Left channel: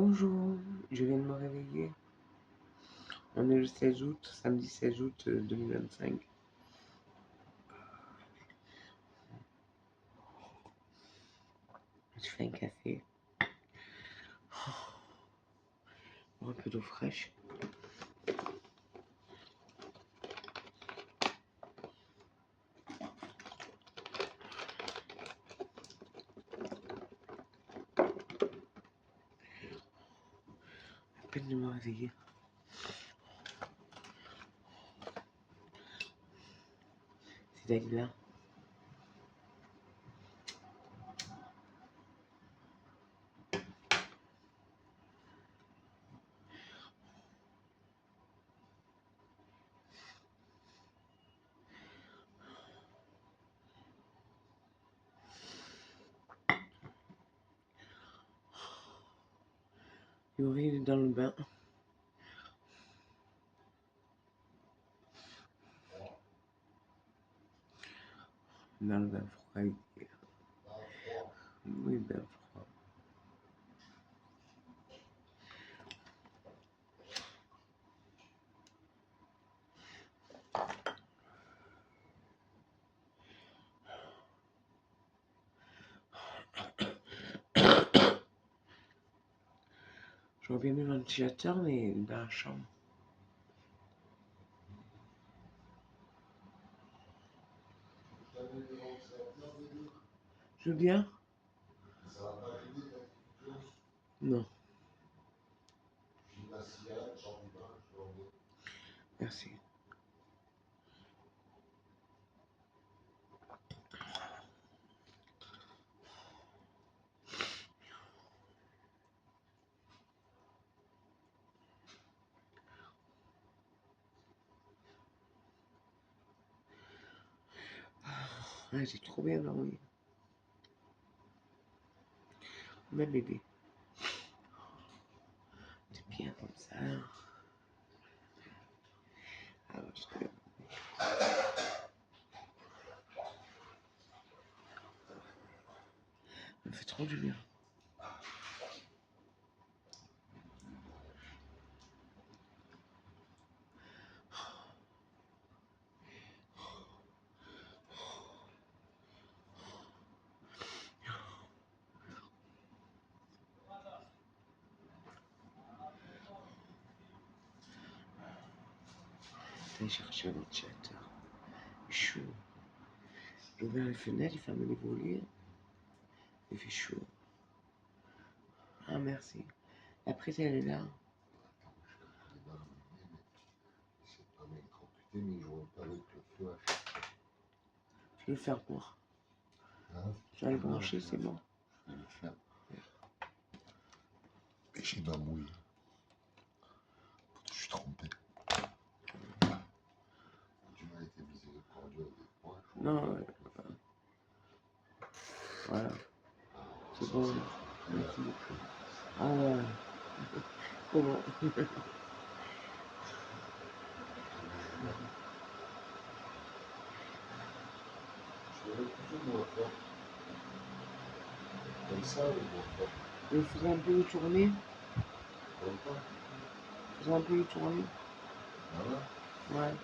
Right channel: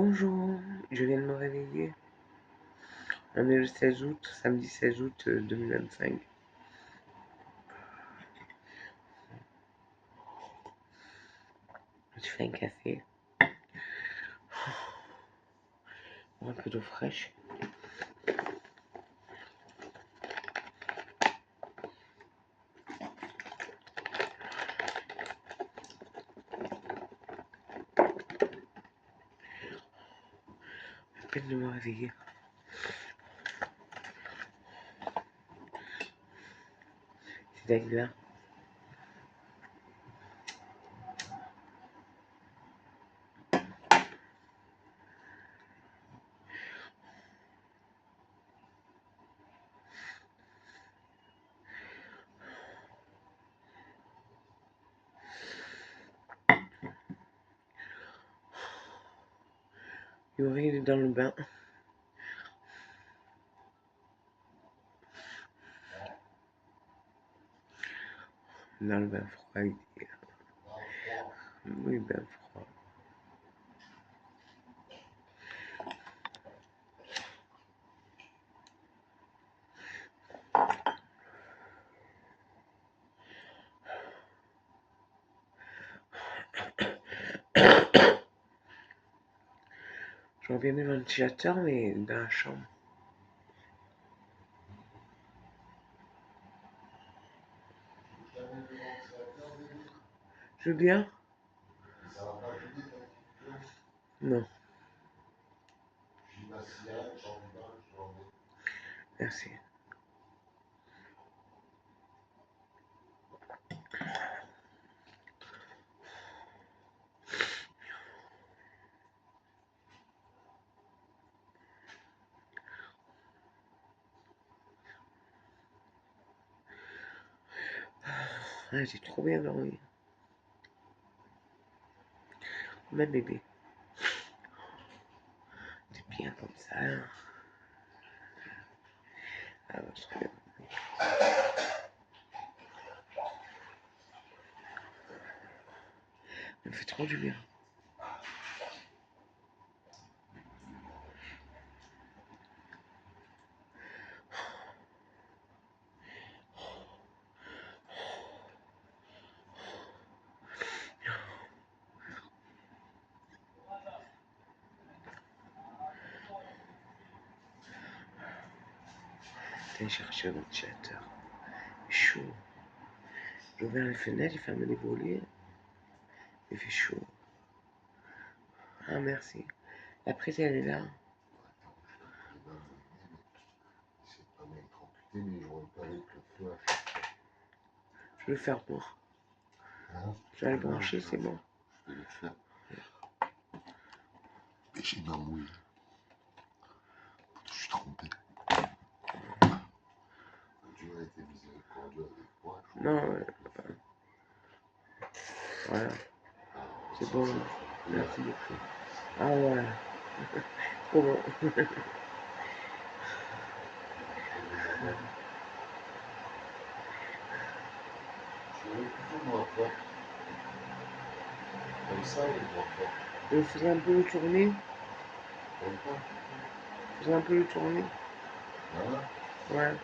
Bonjour, je viens de me réveiller. On est le 16 août, samedi 16 août 2025. Je fais un café. Un peu d'eau fraîche. À peine de me réveiller. C'est d'être là. Yuri, il est dans le bain. Dans le bain froid, il est... Oui, bain froid. J'aurais bien mis le ventilateur, mais dans la chambre. Je veux bien? Non. Merci. Ah, j'ai trop bien dormi. Ma bébé. C'est bien comme ça. Ah, ouais, trop bien. Ça me fait trop du bien. J'ai cherché un ventilateur. Chaud. J'ai ouvert les fenêtres, j'ai fermé les volets. Il fait chaud. Ah, merci. La prise, elle est là. Je vais le faire pour. Je vais le brancher, c'est bon. Je vais le faire. Péché ma mouille. Je suis trompé. Dieu a été miséricordieux avec moi. Non, voilà. C'est bon. Merci beaucoup. Ah ouais. Trop bon. Comme ça, il doit faire. Je faisais un peu le tourner. Je faisais un peu le tourner. Voilà. Ouais.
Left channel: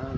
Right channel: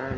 Ah,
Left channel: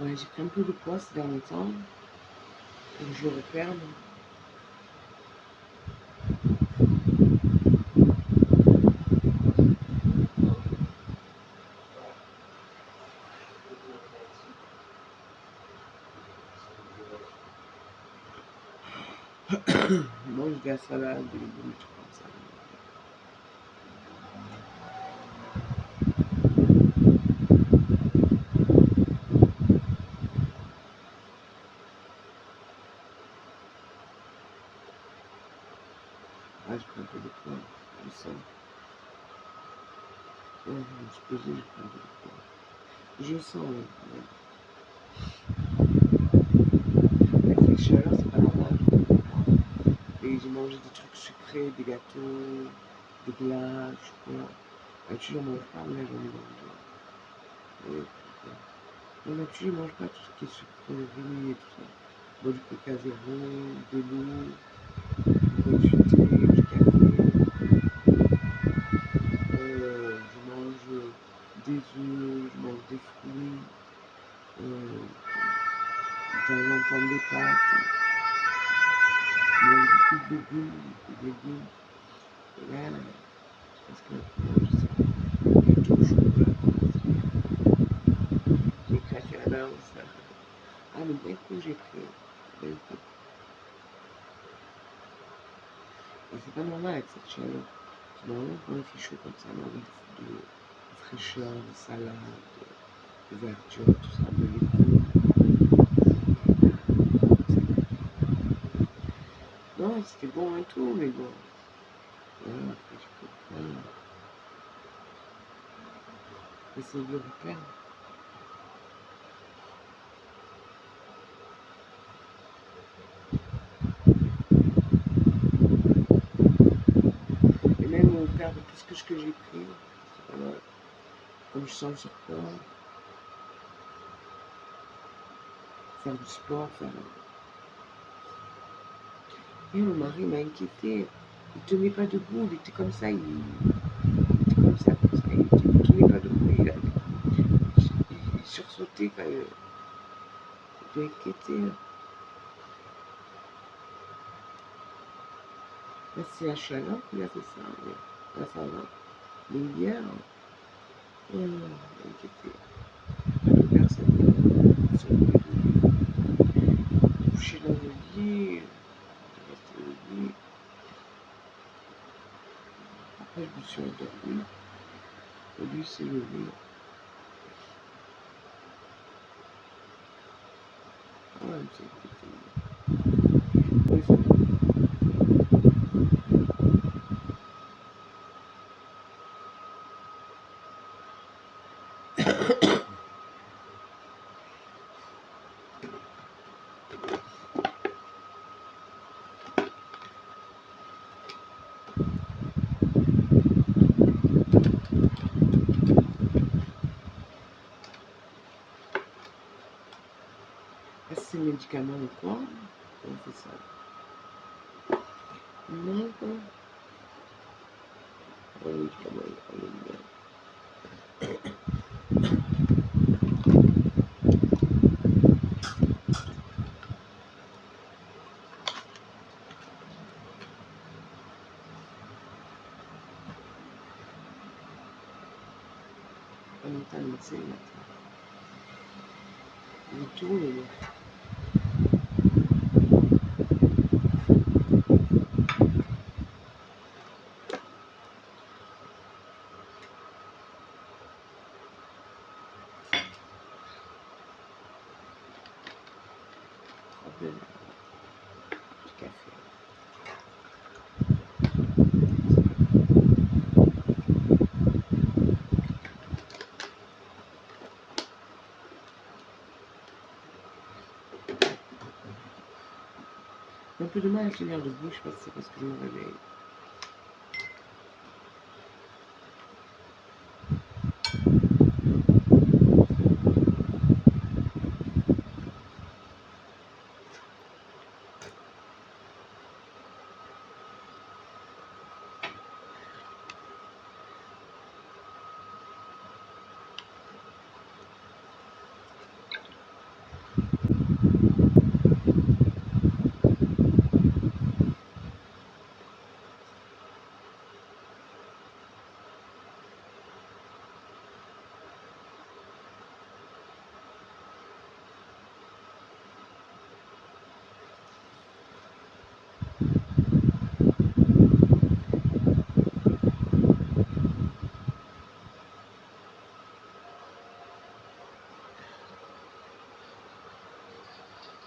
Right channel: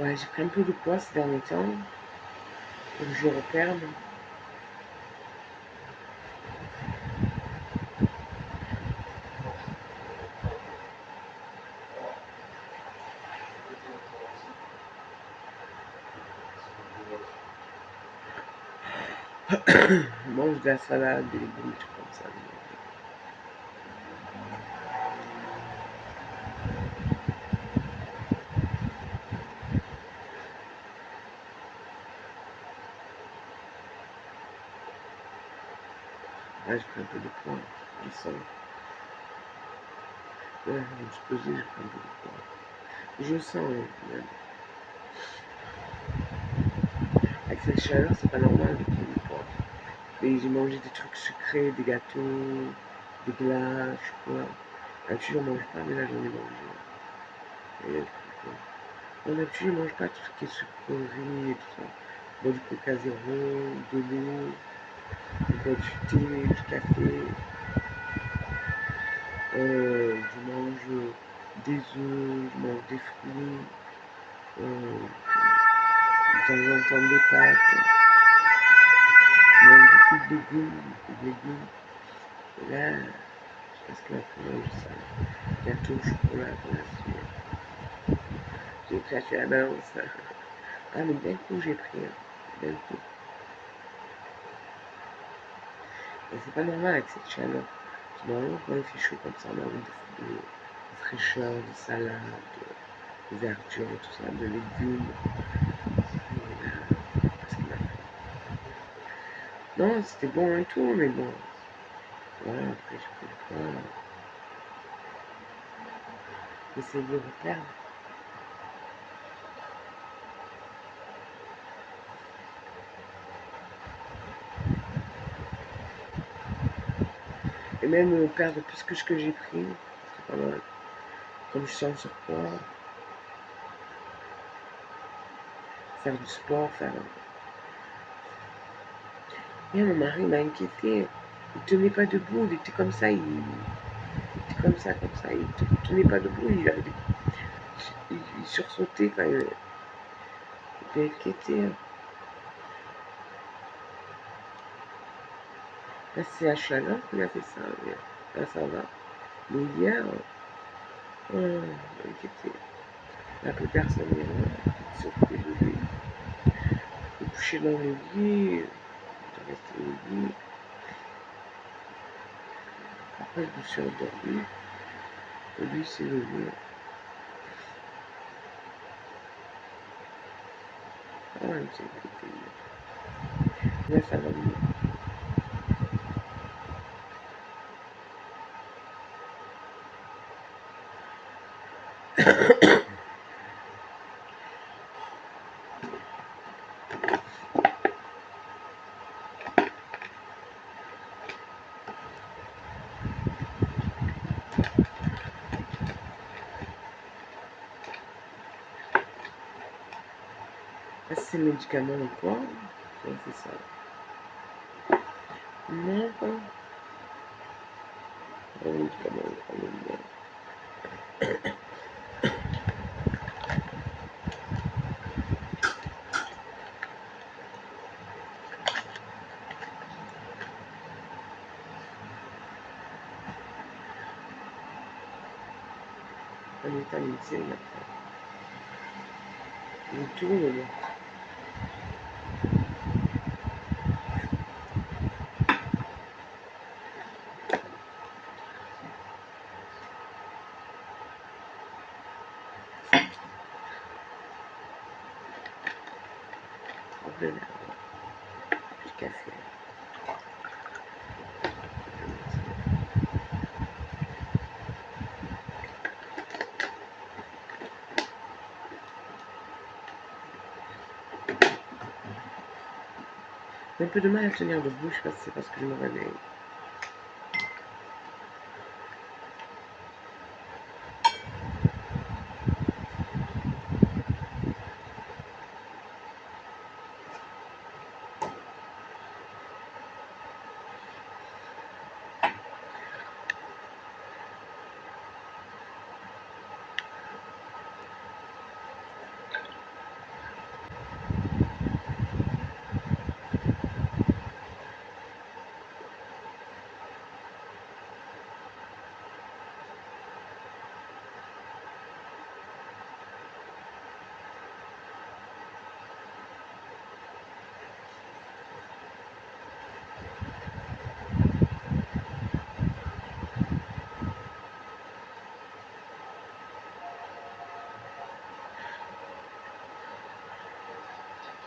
ouais, j'ai pris un peu de poids ces derniers temps. Donc je reperde. Je mange de la salade, des légumes, des trucs comme ça. Ouais, je prends un peu de poids, je sens. Ouais, je me suis posée, je prends un peu de poids. Je sens, même. Avec cette chaleur, c'est pas normal de prendre du poids. Et j'ai mangé des trucs sucrés, des gâteaux, des glaces, je sais quoi. D'habitude, j'en mange pas, mais là, j'en ai mangé. Et, bon, d'habitude, je mange pas tout ce qui est sucrerie et tout ça. Bois du coca zéro, de l'eau, bois du thé, du café. Je mange des œufs, je mange des fruits, de temps en temps des pâtes. Je mange beaucoup de légumes, beaucoup de légumes. Et là, parce que après, mange ça. Gâteau au chocolat, glace. J'ai craché la balance. Ah, mais d'un coup, j'ai pris. D'un coup. Et c'est pas normal avec cette chaleur. Normalement, quand il fait chaud comme ça, on a envie de fraîcheur, de salade, de verdure, tout ça, de légumes. Parce que, non, c'était bon et tout, mais bon. Voilà, après, je pris le poids. J'essaie de le reperdre. Et même perdre plus que ce que j'ai pris. C'est pas mal. Comme je sens le surpoids, faire du sport, faire. Et mon mari m'a inquiété. Il tenait pas debout, il était comme ça, il était comme ça, comme ça. Il tenait pas debout, il sursautait quand il était inquiété. Là, c'est la chaleur qui a fait ça. Mais là, ça va. Mais hier, inquiété. La plus personne n'est là. Ils sont pris de lui. Couché dans le lit, j'ai resté au lit. Après, je me suis endormi. Et lui s'est levé. Ah, il s'est inquiété. Ouais, ça va. Ah, c'est le médicament ou quoi? Ouais, c'est ça. Non, pas. Un médicament, on le met. Un vitamine C maintenant. Il tourne, là. Hop là, du café. J'ai un peu de mal à tenir debout, je sais pas si c'est parce que je me réveille.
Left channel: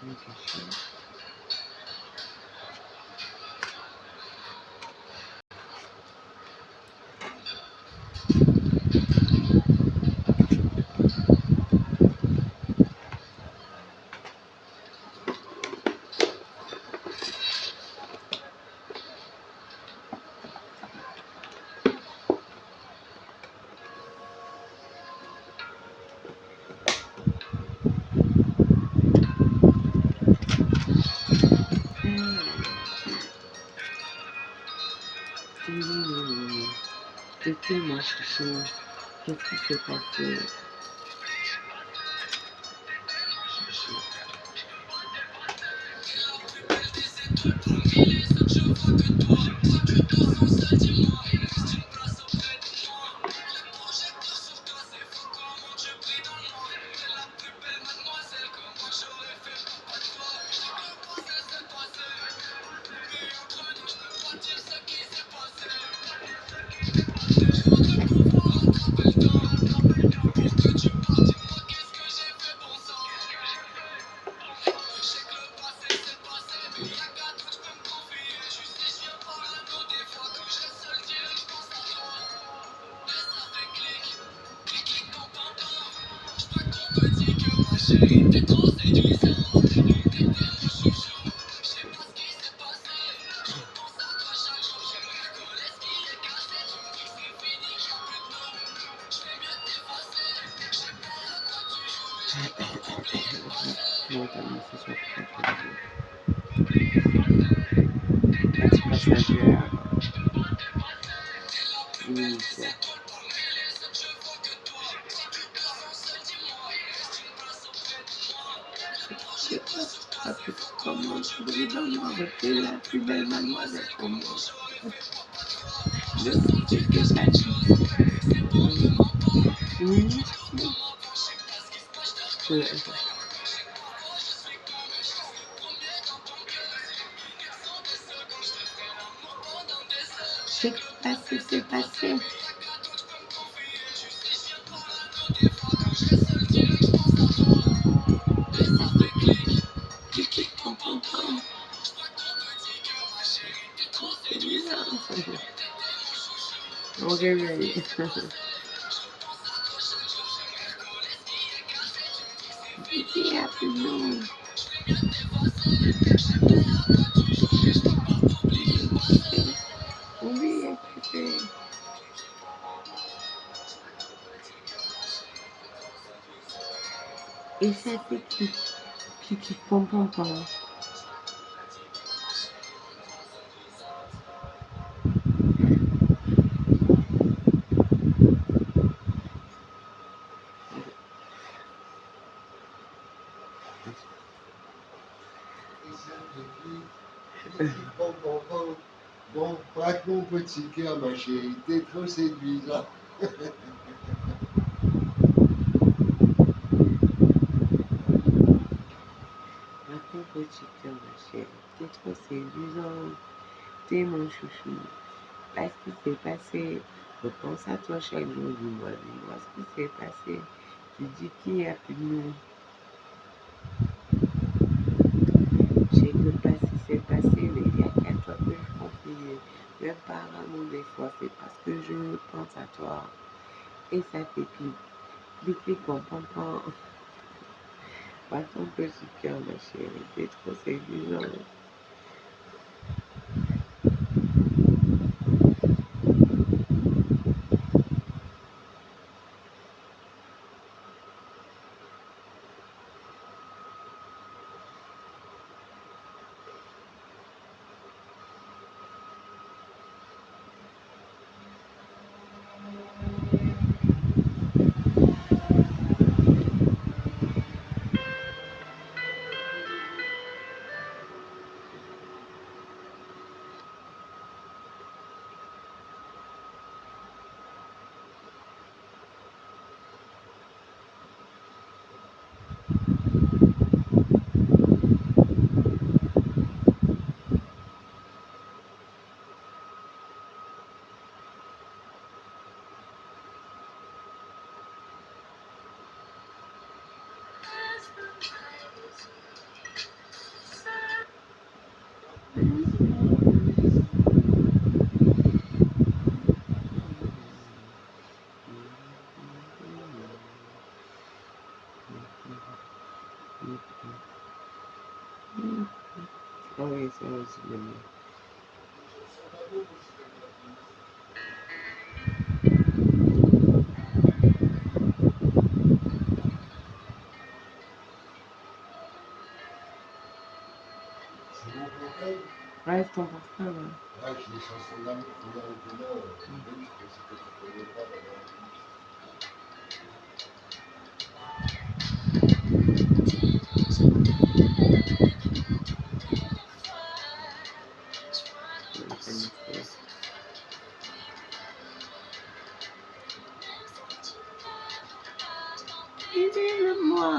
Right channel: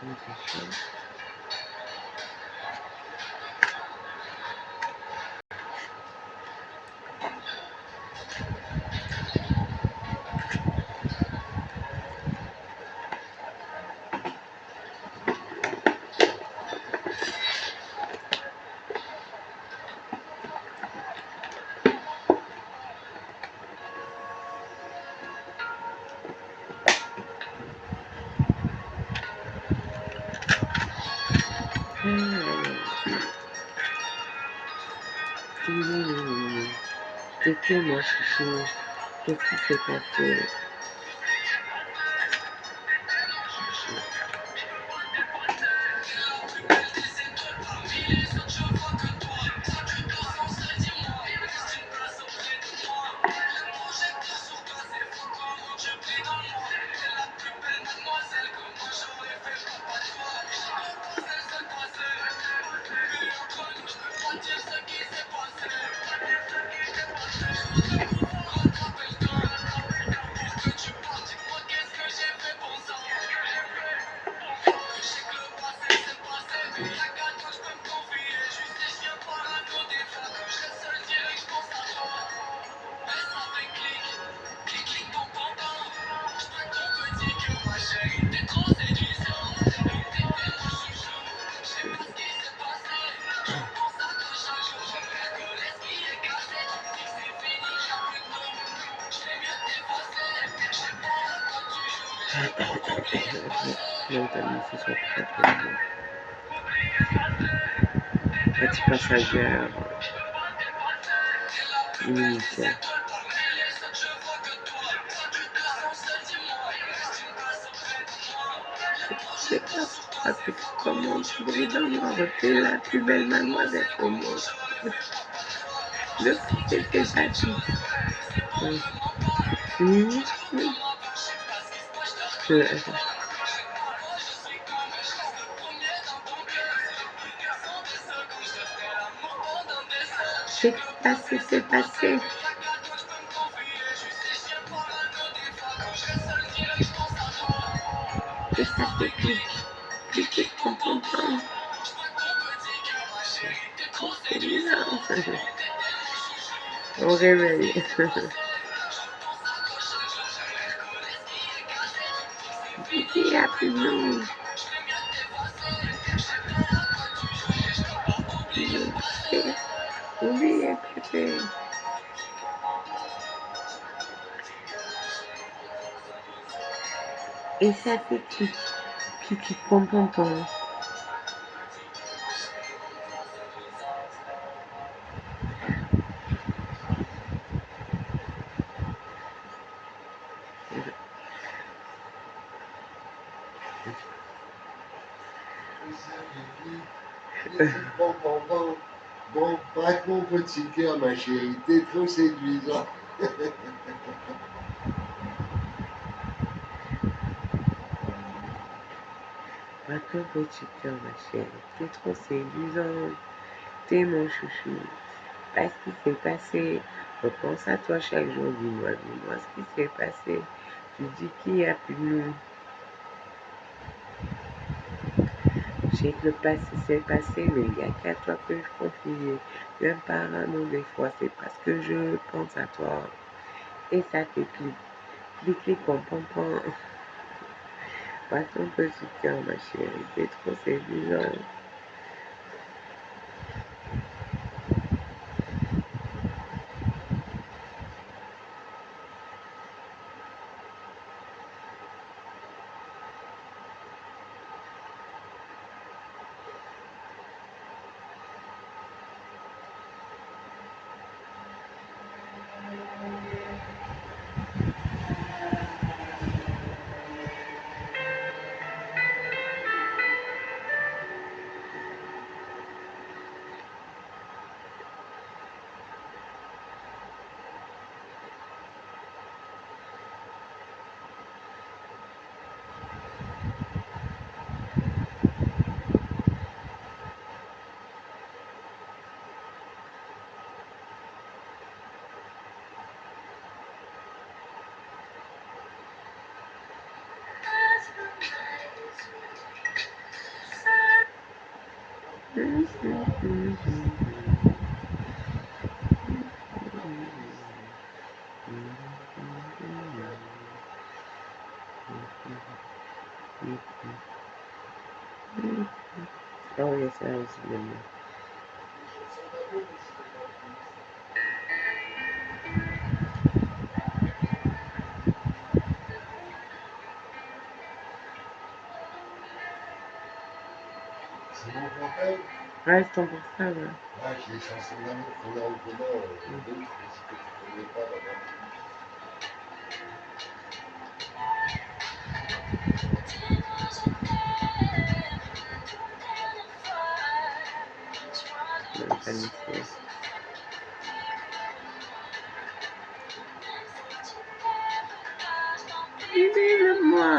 Attention. T'étais moi chouchou, qu'est-ce qui s'est passé? Mentalement, ce soit très très bien. Petit passagère initiale. J'ai peur, parce que comment tu brilles dans le noir, t'es la plus belle mademoiselle au monde. Le fait que ça minute, oui. C'est passé. Et ça fait clic, clic, clic, pom, pom, pom. C'est bizarre. On réveille. Il n'y a plus de nom. Oubliez, Pépé. Et ça fait clic, clic, clic, pom, pom, pom. Bon, bon, bon, bon, braque mon petit cœur, ma chérie, t'es trop séduisant. Braque mon petit cœur, ma chérie, t'es trop séduisant. T'es mon chouchou. Pas ce qui s'est passé. Je pense à toi chaque jour. Dis-moi ce qui s'est passé. Tu dis qu'il n'y a plus de nous. Je sais que le passé s'est passé, mais il n'y a qu'à toi que je confie. Même parano des fois, c'est parce que je pense à toi. Et ça fait clic, clic, clic, pom, pom, pom. Pas ton petit cœur, ma chérie, t'es trop séduisant. Ah oui, ça aussi, j'aime bien. C'est mon portable. Ouais, c'est ton portable. Ouais. Ah, j'ai les chansons d'amour qu'on a au commun, d'autres, c'est que tu connais pas là-bas. Même pas lycée. Dis-le-moi.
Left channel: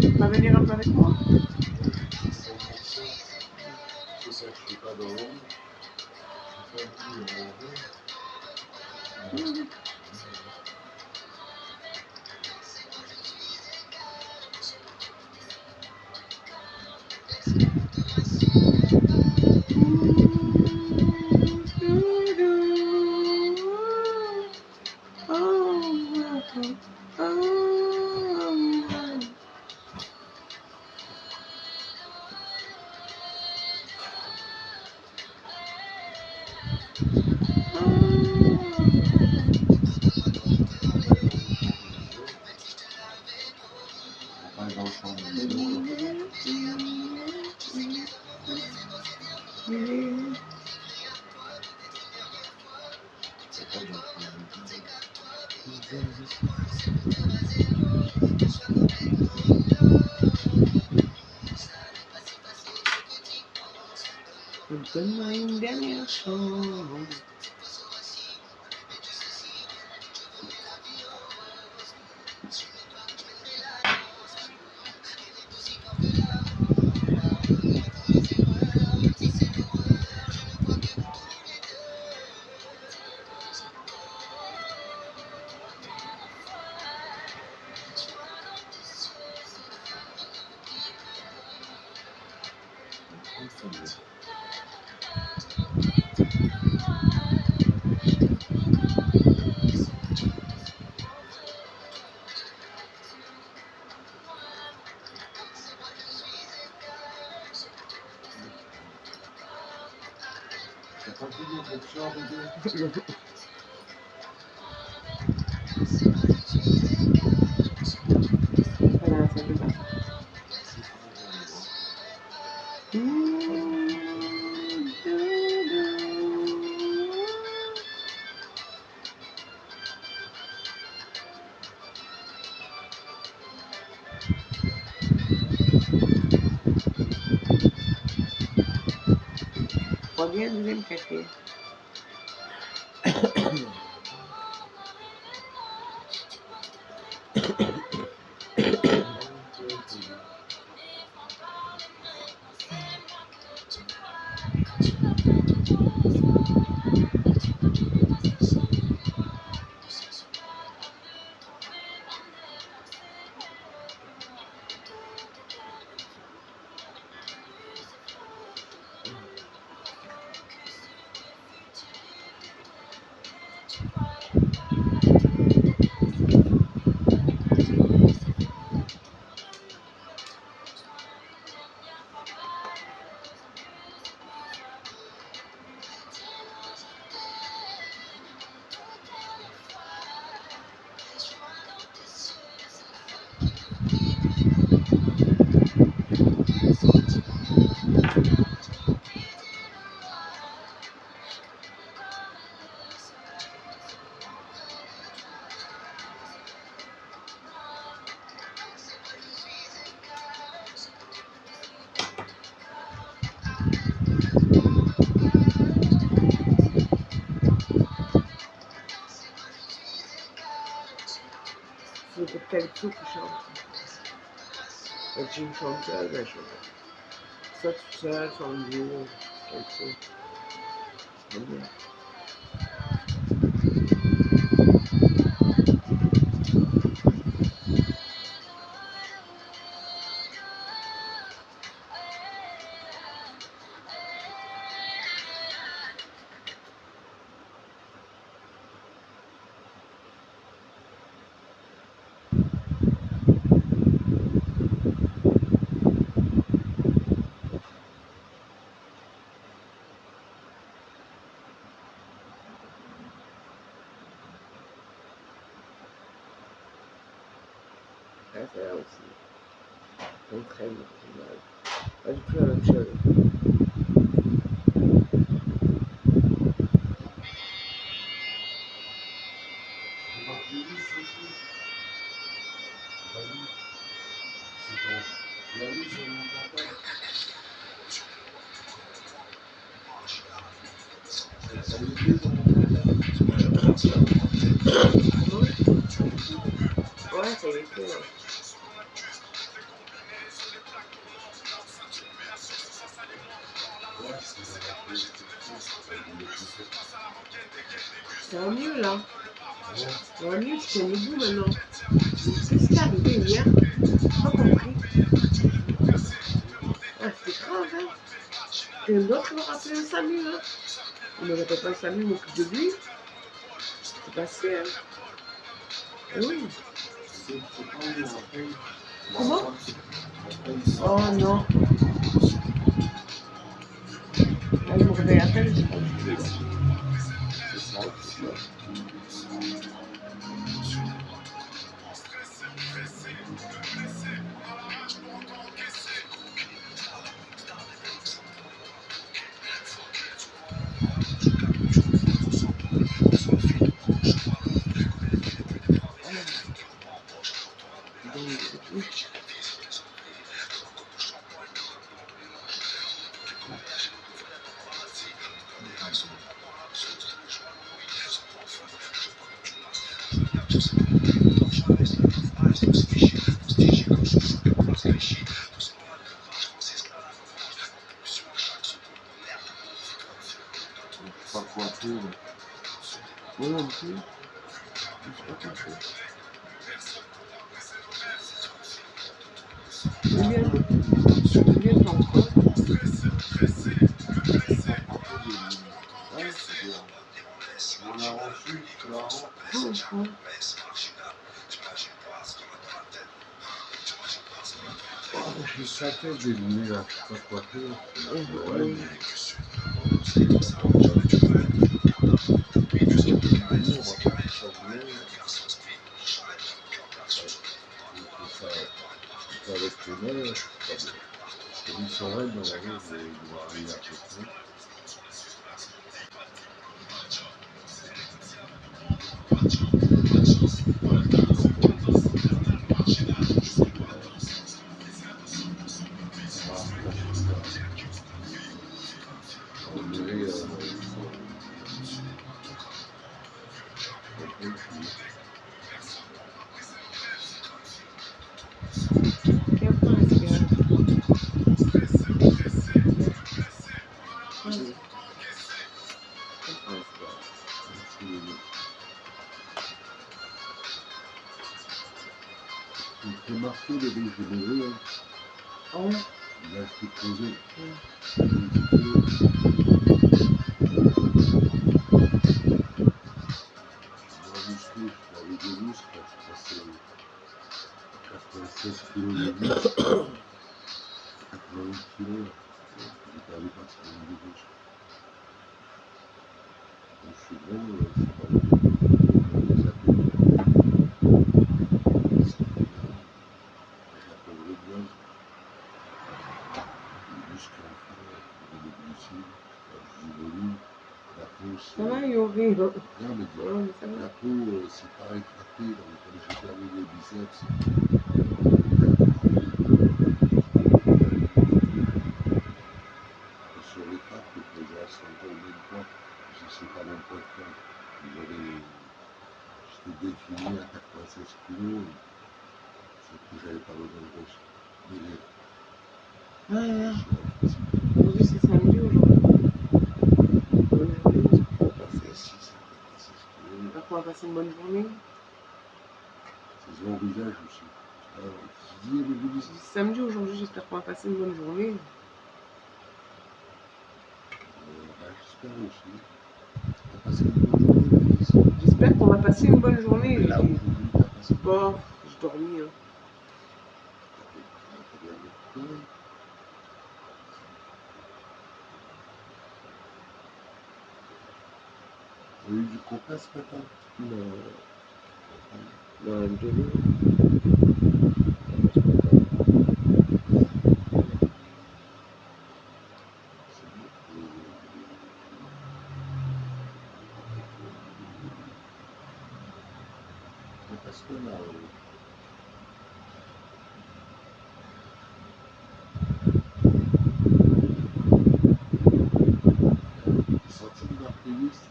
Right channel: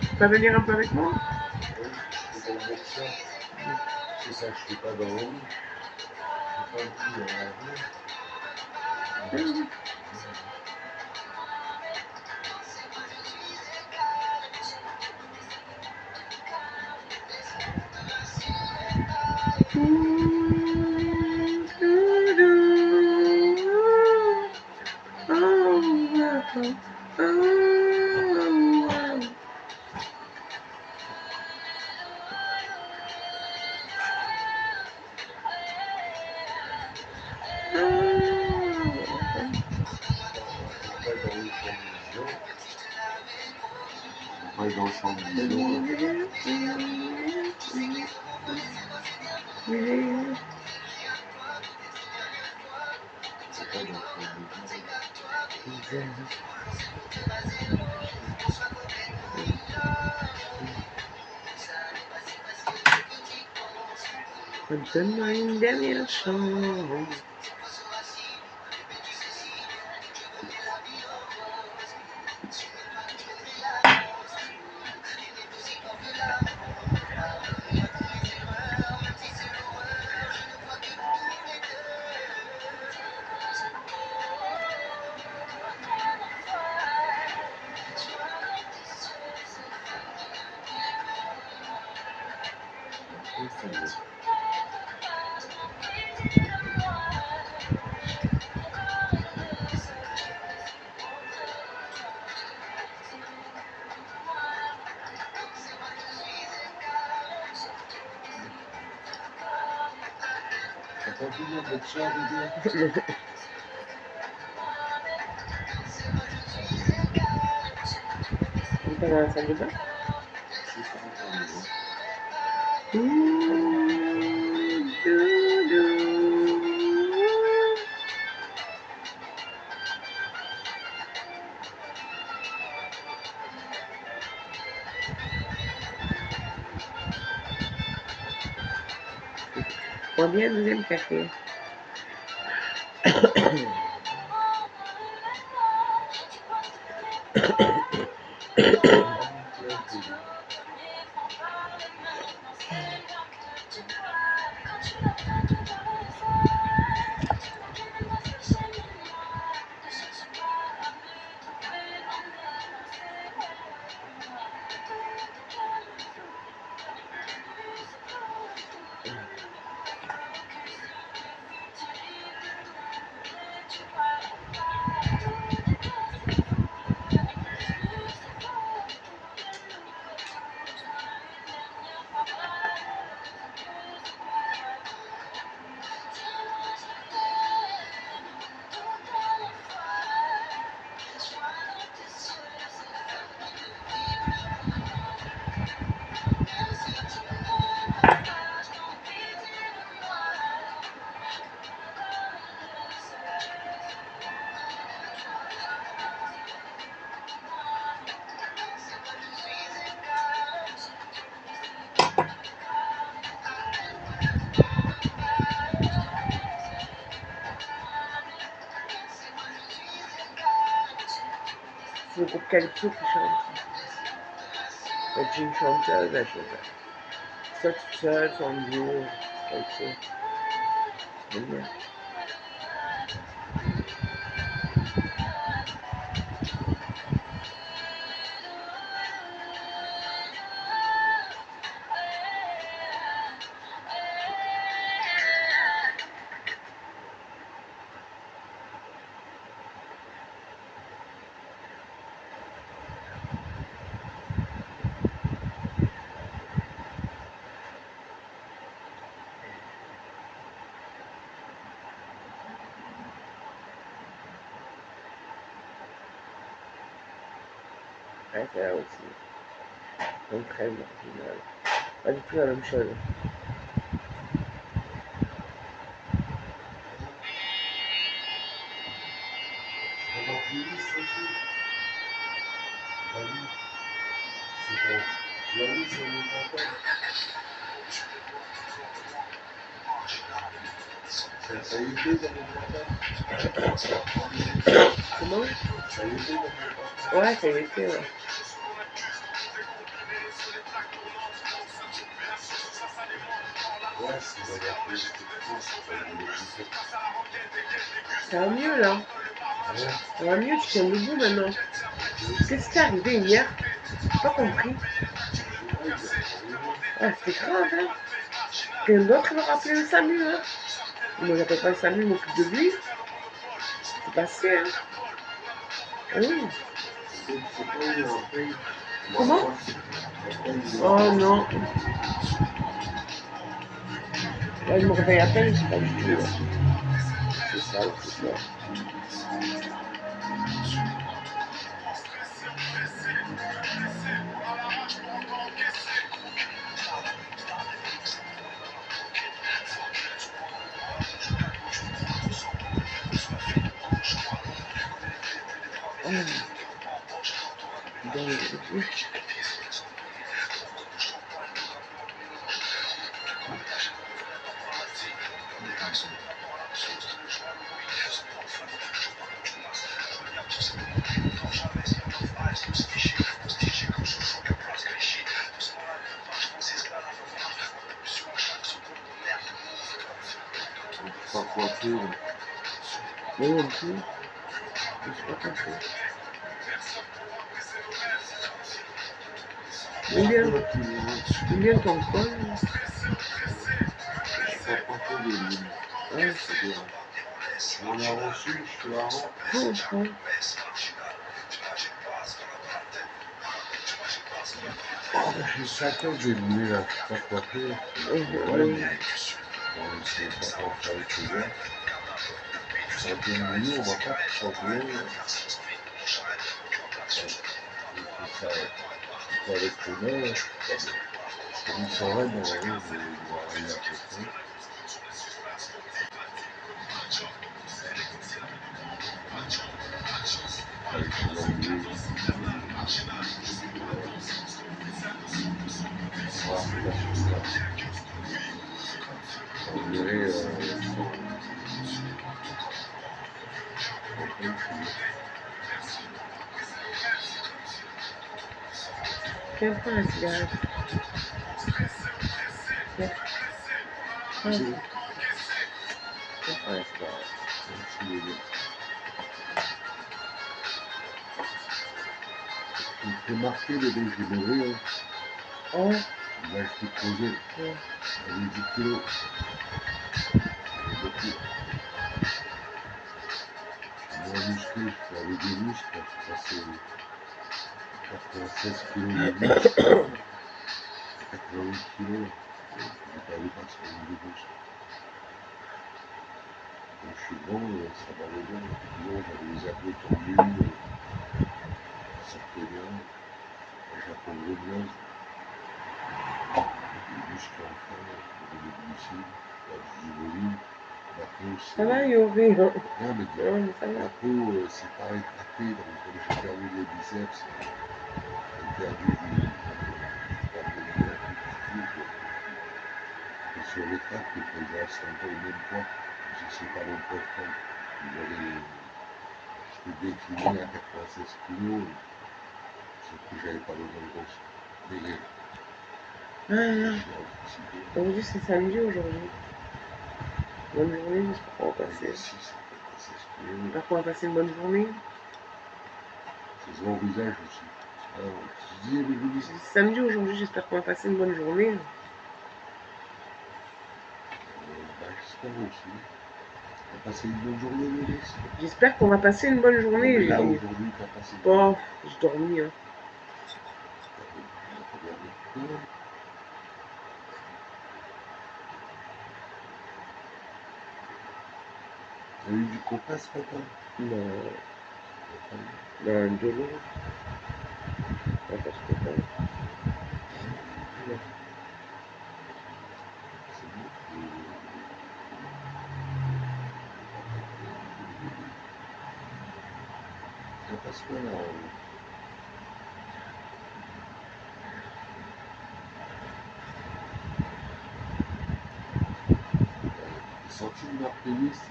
Tu vas venir un peu avec moi? C'est dans le boxeur. C'est ça, je ne suis pas dans l'ombre. Je ne suis pas plus dans la rue. On va dans le champ de vélo. C'est pas dans le champ de vélo. Donne-moi une dernière chance. T'as pas vu le boxeur, bébé? On va dans la salle de bain. C'est ça, on va Prends bien le deuxième café. C'est le groupe Calypso qui chante. Et j'ai une chanteuse, elle chante. Soit toute seule, soit en duo. Calypso. J'aime bien. Ouais, c'est là aussi. Donc très marginal. Pas du tout la même chose. C'est mon playlist aussi. La nuit, c'est bon. La nuit, c'est mon portable. Ça y était dans mon portable. Comment? Ça y était dans mon portable. Ouais, ça y était, ouais. Ouais, c'est dans la playlist. Ça me l'écouter. Ça va mieux là. Ouais. Ça va mieux, tu tiens debout maintenant. Qu'est-ce qui t'est arrivé hier? Pas compris. Ouais, c'était grave, hein. Quelqu'un d'autre va rappeler le SAMU, hein. Moi, j'appelle pas le SAMU, je m'occupe de lui. C'est passé, hein. Ah oui. C'est pas où on paye. Comment? On paye des Oh non. Là, je me réveille à peine, c'est pas du tout, là. C'est ça, c'est ça. Donc, pas coiffé. Là. moi non plus. Je suis pas coiffée. Bien ton col. Je suis pas coiffé de lui. Ouais. C'est-à-dire, on a reçu, je te la rends. J'ai ça à tête, j'ai le nez là, je suis pas coiffé. Ouais, mais nous, on va pas tout changer. Il faut ça, il faut avec les mains, c'est pas bien. Comme ils sont raides, normalement, ils vont arriver à peu près. On dirait son truc. Tiens, prends la cigarette. Prends la cigarette. Prends la cigarette. Il me fait marquer le dé, j'ai levé. Hein. Oh. Là, je peux poser. Ouais. J'ai 10 kilos. Moins musclé, je fais avec des muscles. Je suis passé 96 kilos de muscles. 88 kilos. J'ai pas dépassé les muscles. Donc, je suis bon, ça va aller. Les abdos. Ça me fait bien. J'appelle le bien. Les muscles en fond, les glucides, du volume. La peau, c'est. Ça va, Yori? Non, mais Ça va. la peau, c'est pas rétracté. Donc, comme j'ai perdu les biceps, et se rétracte et que je reste encore au même poids. Je sais pas mon poids de fond. J'étais décliné à 96 kilos. Sauf que j'avais pas besoin de grosse. Maigrir. Aujourd'hui, c'est samedi aujourd'hui. Bonne journée, j'espère qu'on va passer. J'espère qu'on va passer une bonne journée. Ça se voit au visage aussi. Alors, tu dis, c'est samedi aujourd'hui, j'espère qu'on va passer une bonne journée. J'espère aussi. T'as passé une bonne journée, j'espère qu'on va passer une bonne journée. Mais là, aujourd'hui, t'as passé. Bon, j'ai dormi. Hein. T'as eu du coca ce matin? Non. De l'eau. On peut se comprendre. C'est bon. Parce que là, t'es sorti de ma playlist.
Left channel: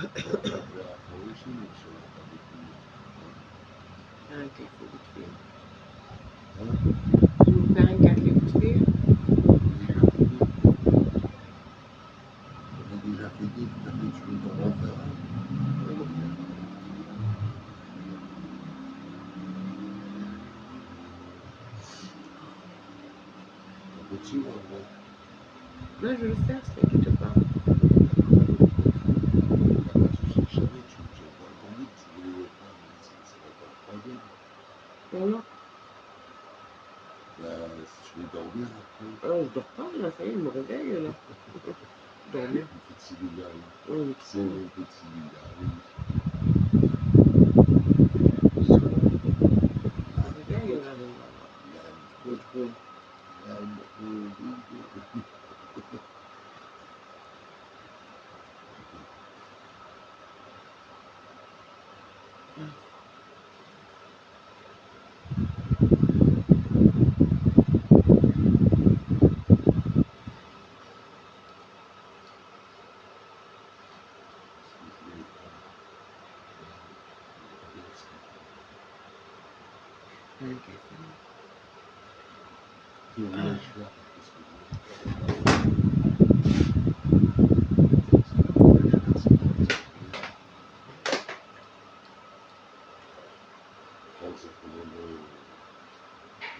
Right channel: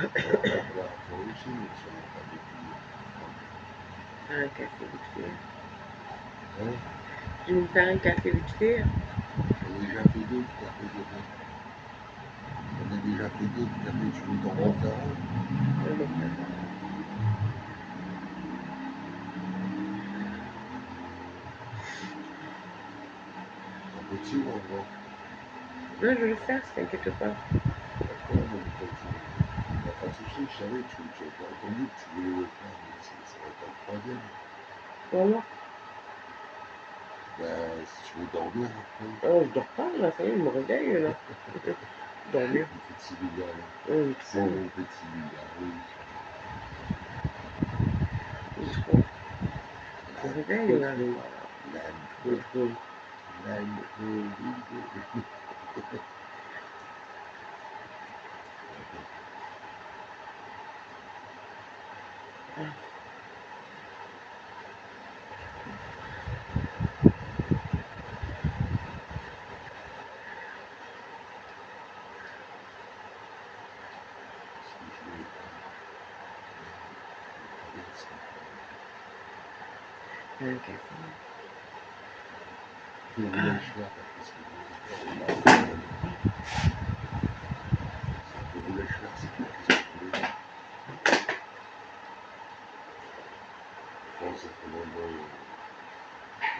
La origine, sur la table Un café vite fait. Hein? Tu veux me faire un café vite fait? Déjà fait deux. On a déjà fait deux. Café, tu veux t'en refaire un? Un petit ou un grand? Non, je vais le faire, t'inquiète pas. Pas de soucis, je savais, j'ai pas entendu que tu voulais le faire, mais ça va être un troisième. Comment? Ben, si tu veux dormir après. Ah, je dors pas, là, ça y est, je me réveille, là. Dormir. Un petit bigal. Oui, C'est mon petit bigal, oui. je me réveille, là, mais voilà. L'intro. L'intro. Un café. Que voulais-je faire? Qu'est-ce que je voulais faire?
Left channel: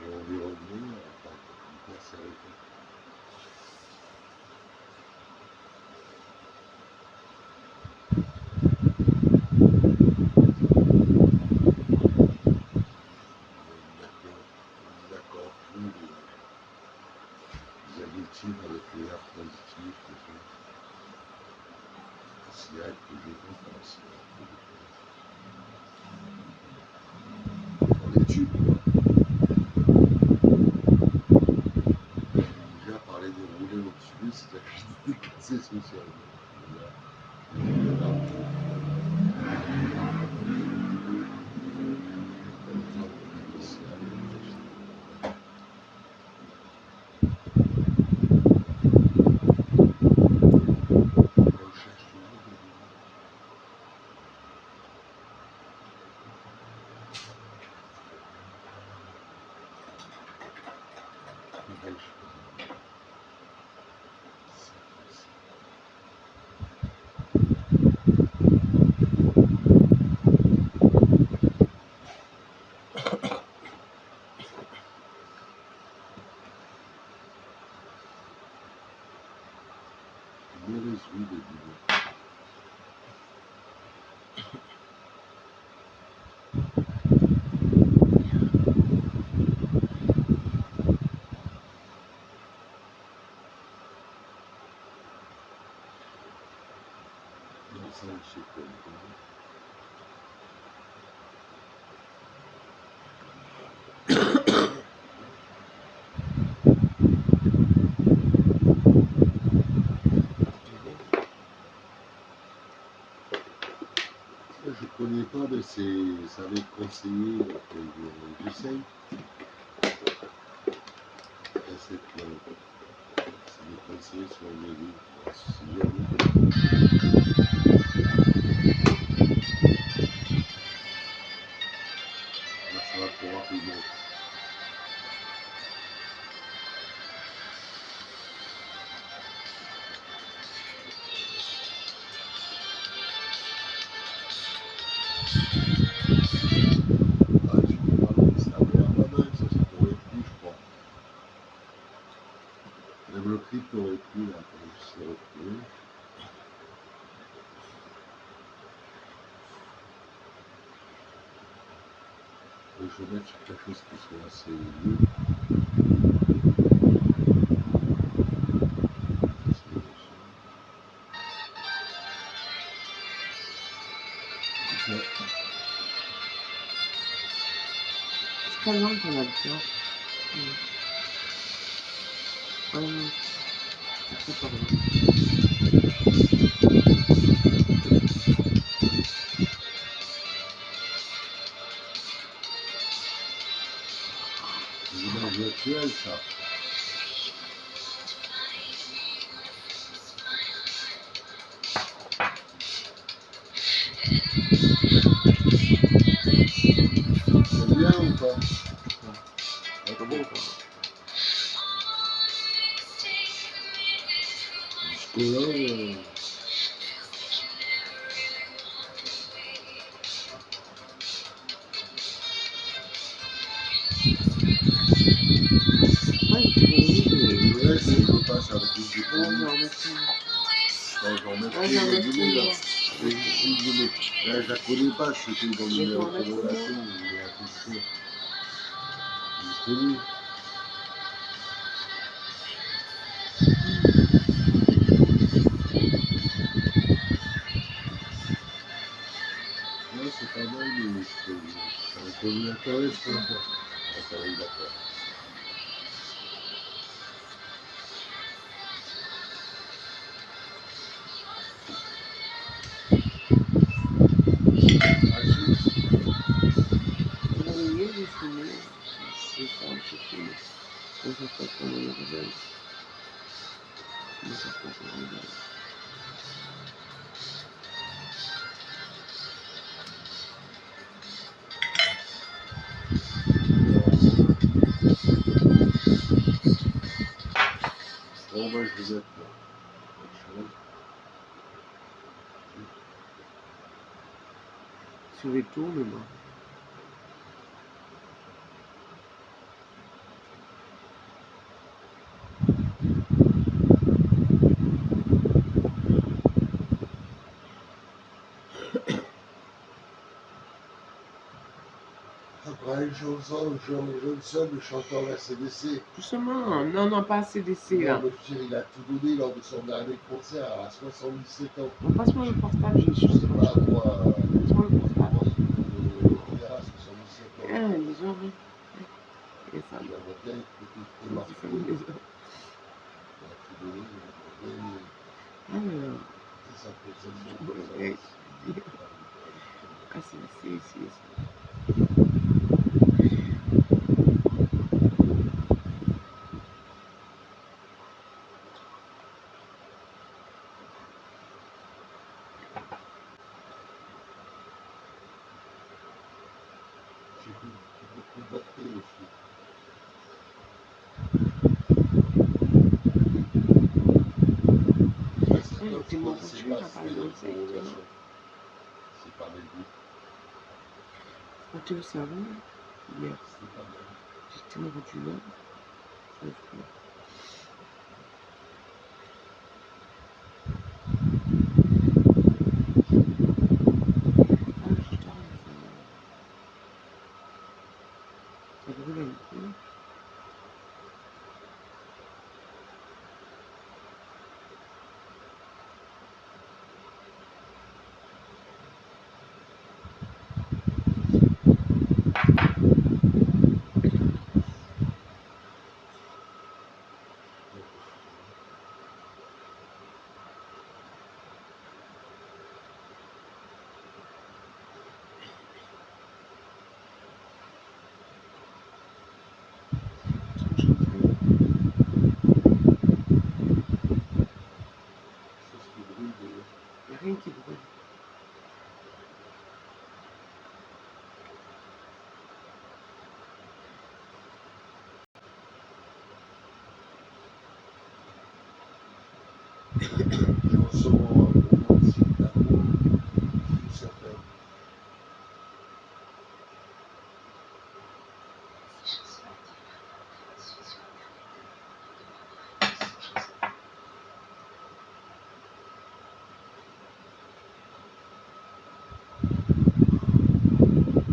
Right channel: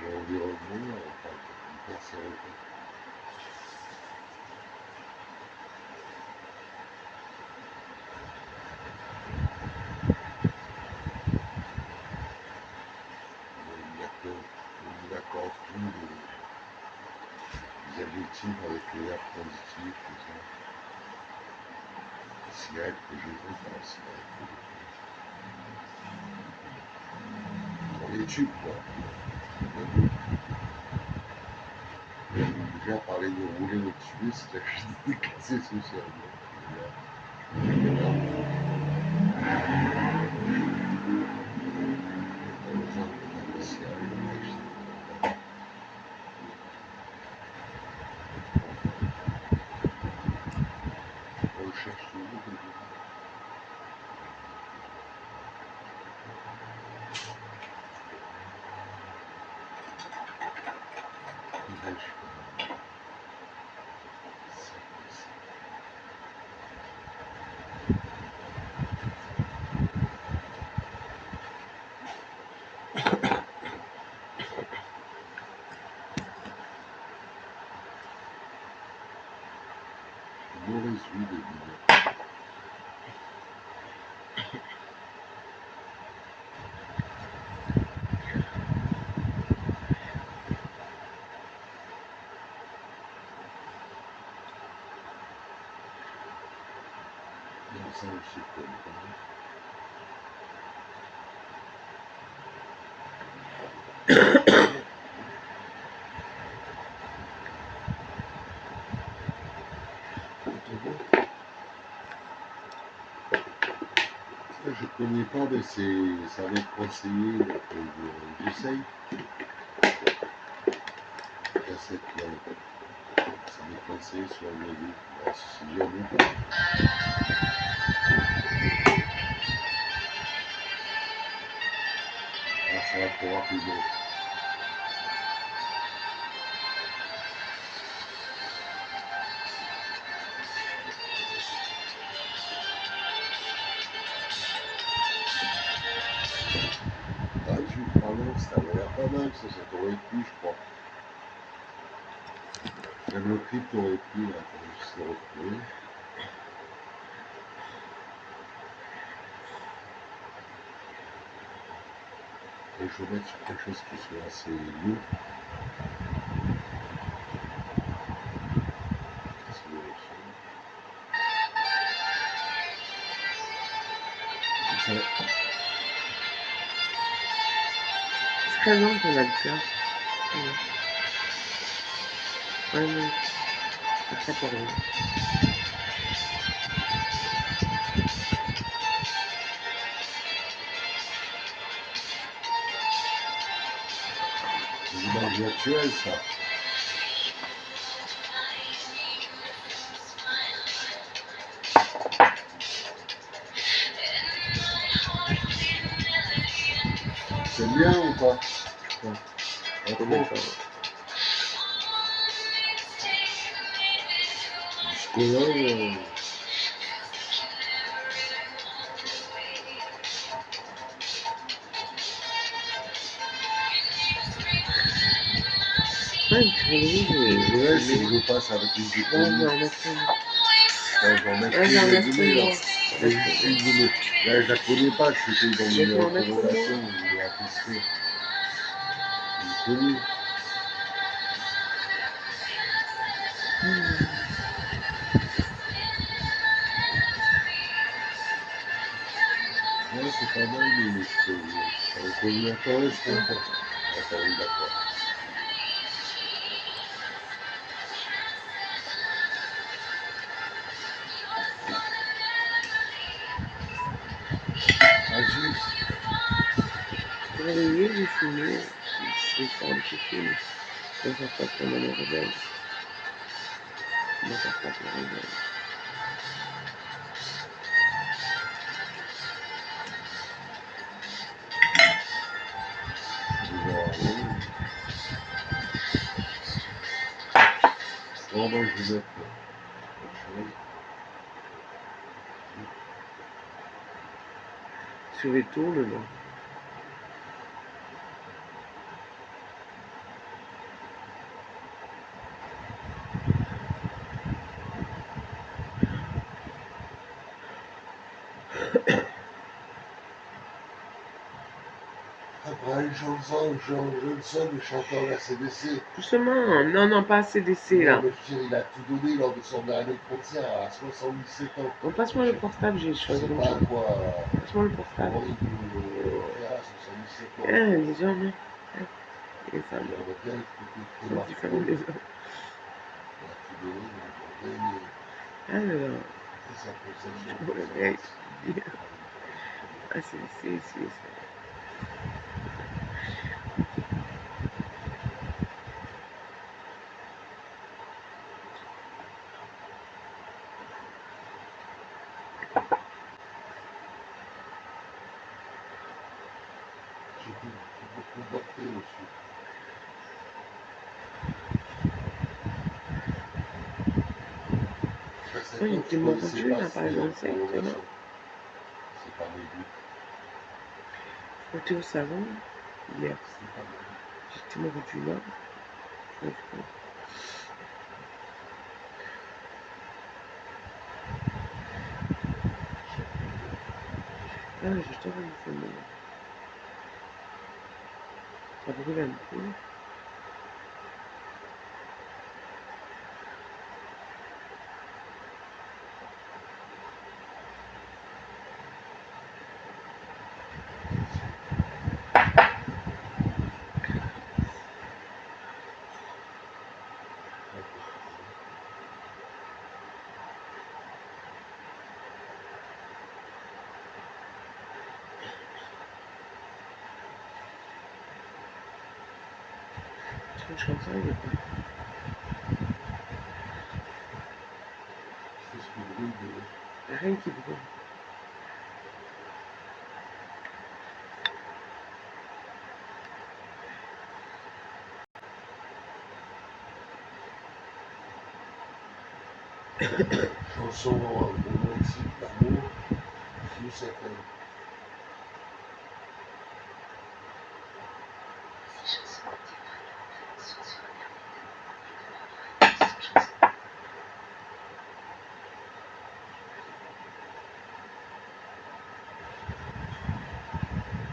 L'environnement, enfin, hyper sérieux. On accorde tous les adjectifs avec les verbes transitifs, tout ça. La cigarette que je veux, pas la cigarette que je veux. On les tue, quoi. Déjà, parler de rouler au-dessus, c'est déjà cassé socialement. Mauvaise vue de dire. Non, ça, je sais pas. Je connais pas, mais ça va être conseillé que j'essaye. Cassette là, ça va être conseillé sur le module. Si jamais. Ah, ça va trop rapidement. Ah, tu parles, ça avait l'air pas mal, ça t'aurait plu, je crois. Même le clip t'aurait plu, là, quand je sais retrouver. Et je vais mettre sur quelque chose qui soit assez lourd. sais. C'est très long qu'on a le cœur. Ouais, mais c'est très pas long. Des images virtuelles, ça. C'est bien ou pas? Non, Pas je connais trop. pas. Jusque-là, Ouais, une série, je laisse et je passe avec les ouais, je économies. vais en mettre une. Enfin, j'en mets Ouais, plus j'en les mettrai données, une, là. moi. Mais juste une donnée. Là, je la connais pas, c'était dans Je vais les t'en mettre recommandations, une. je voulais la tester. Je l'ai connue. Ouais, c'est pas mal, mais ça me convient pas, est-ce qu'on pense? Attends, oui, d'accord. Ah, Je vais réveiller, j'ai fumé. Je vais faire un petit film. Comment ça se passe pendant le réveil. Comment ça se passe le réveil. bon, moi, je vais mettre autre chose. Je vais tourner, moi. Après une chanson, Johnson, le chanteur de la CDC. Doucement. Non, non, pas CDC, là. Non, mais je veux dire, il a tout donné lors de son dernier concert à 77 ans. Bon, passe-moi le portable, j'ai Je choisi sais comme pas ça. quoi. Passe-moi le portable. Comment il peut faire à 77 ans. Ah, les gens, mais. Et ça, Il bon. aurait bien écouté On Marc dit Paul. ferme les hommes. Il a tout donné, il aurait bien aimé. Alors, C'est sa conception. je me réveille. Je dis, ah, c'est ici, ça. J'ai beaucoup batté dessus. À cette Ouais, il époque, était je connaissais mordu, pas là, par c'était les exemple, ça, tu vois. recommandations. C'est pas mes goûts. On était au savon, hier. C'est pas mal. J'étais mordu, là. Je me fous. Ah, je dors une semaine. Ça brûle un peu. Je suis en train de Qu'est-ce qui brûle de rien qui brûle. chanson romantique d'amour, tout ça fait.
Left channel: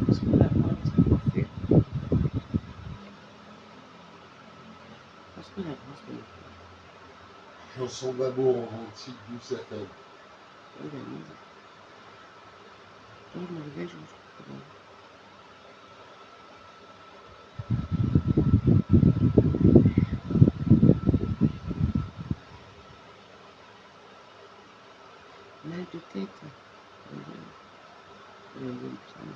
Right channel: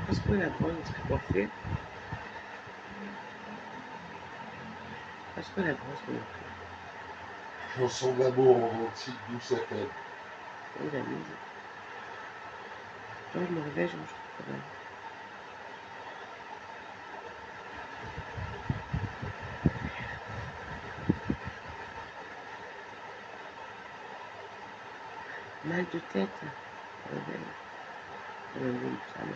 Passe-moi la brosse, on serait coiffé. Passe-moi la brosse, mon frère. Chanson d'amour romantique, douce FM. Oui, la mise. Toi, je me réveille, je mange tout le travail. Mal de tête. Réveil. Doliprane.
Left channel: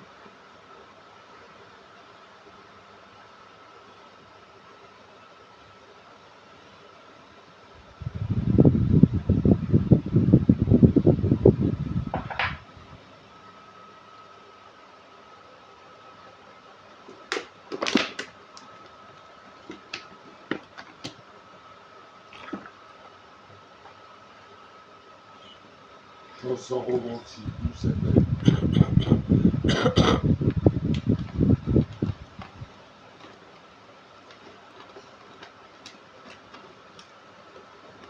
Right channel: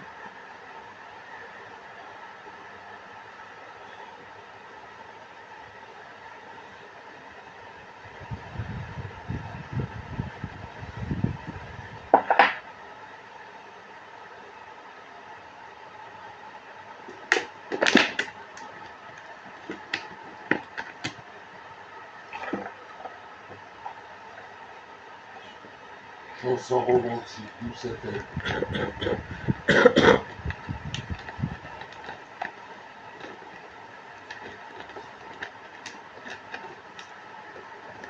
Chanson romantique, d'où ça fait.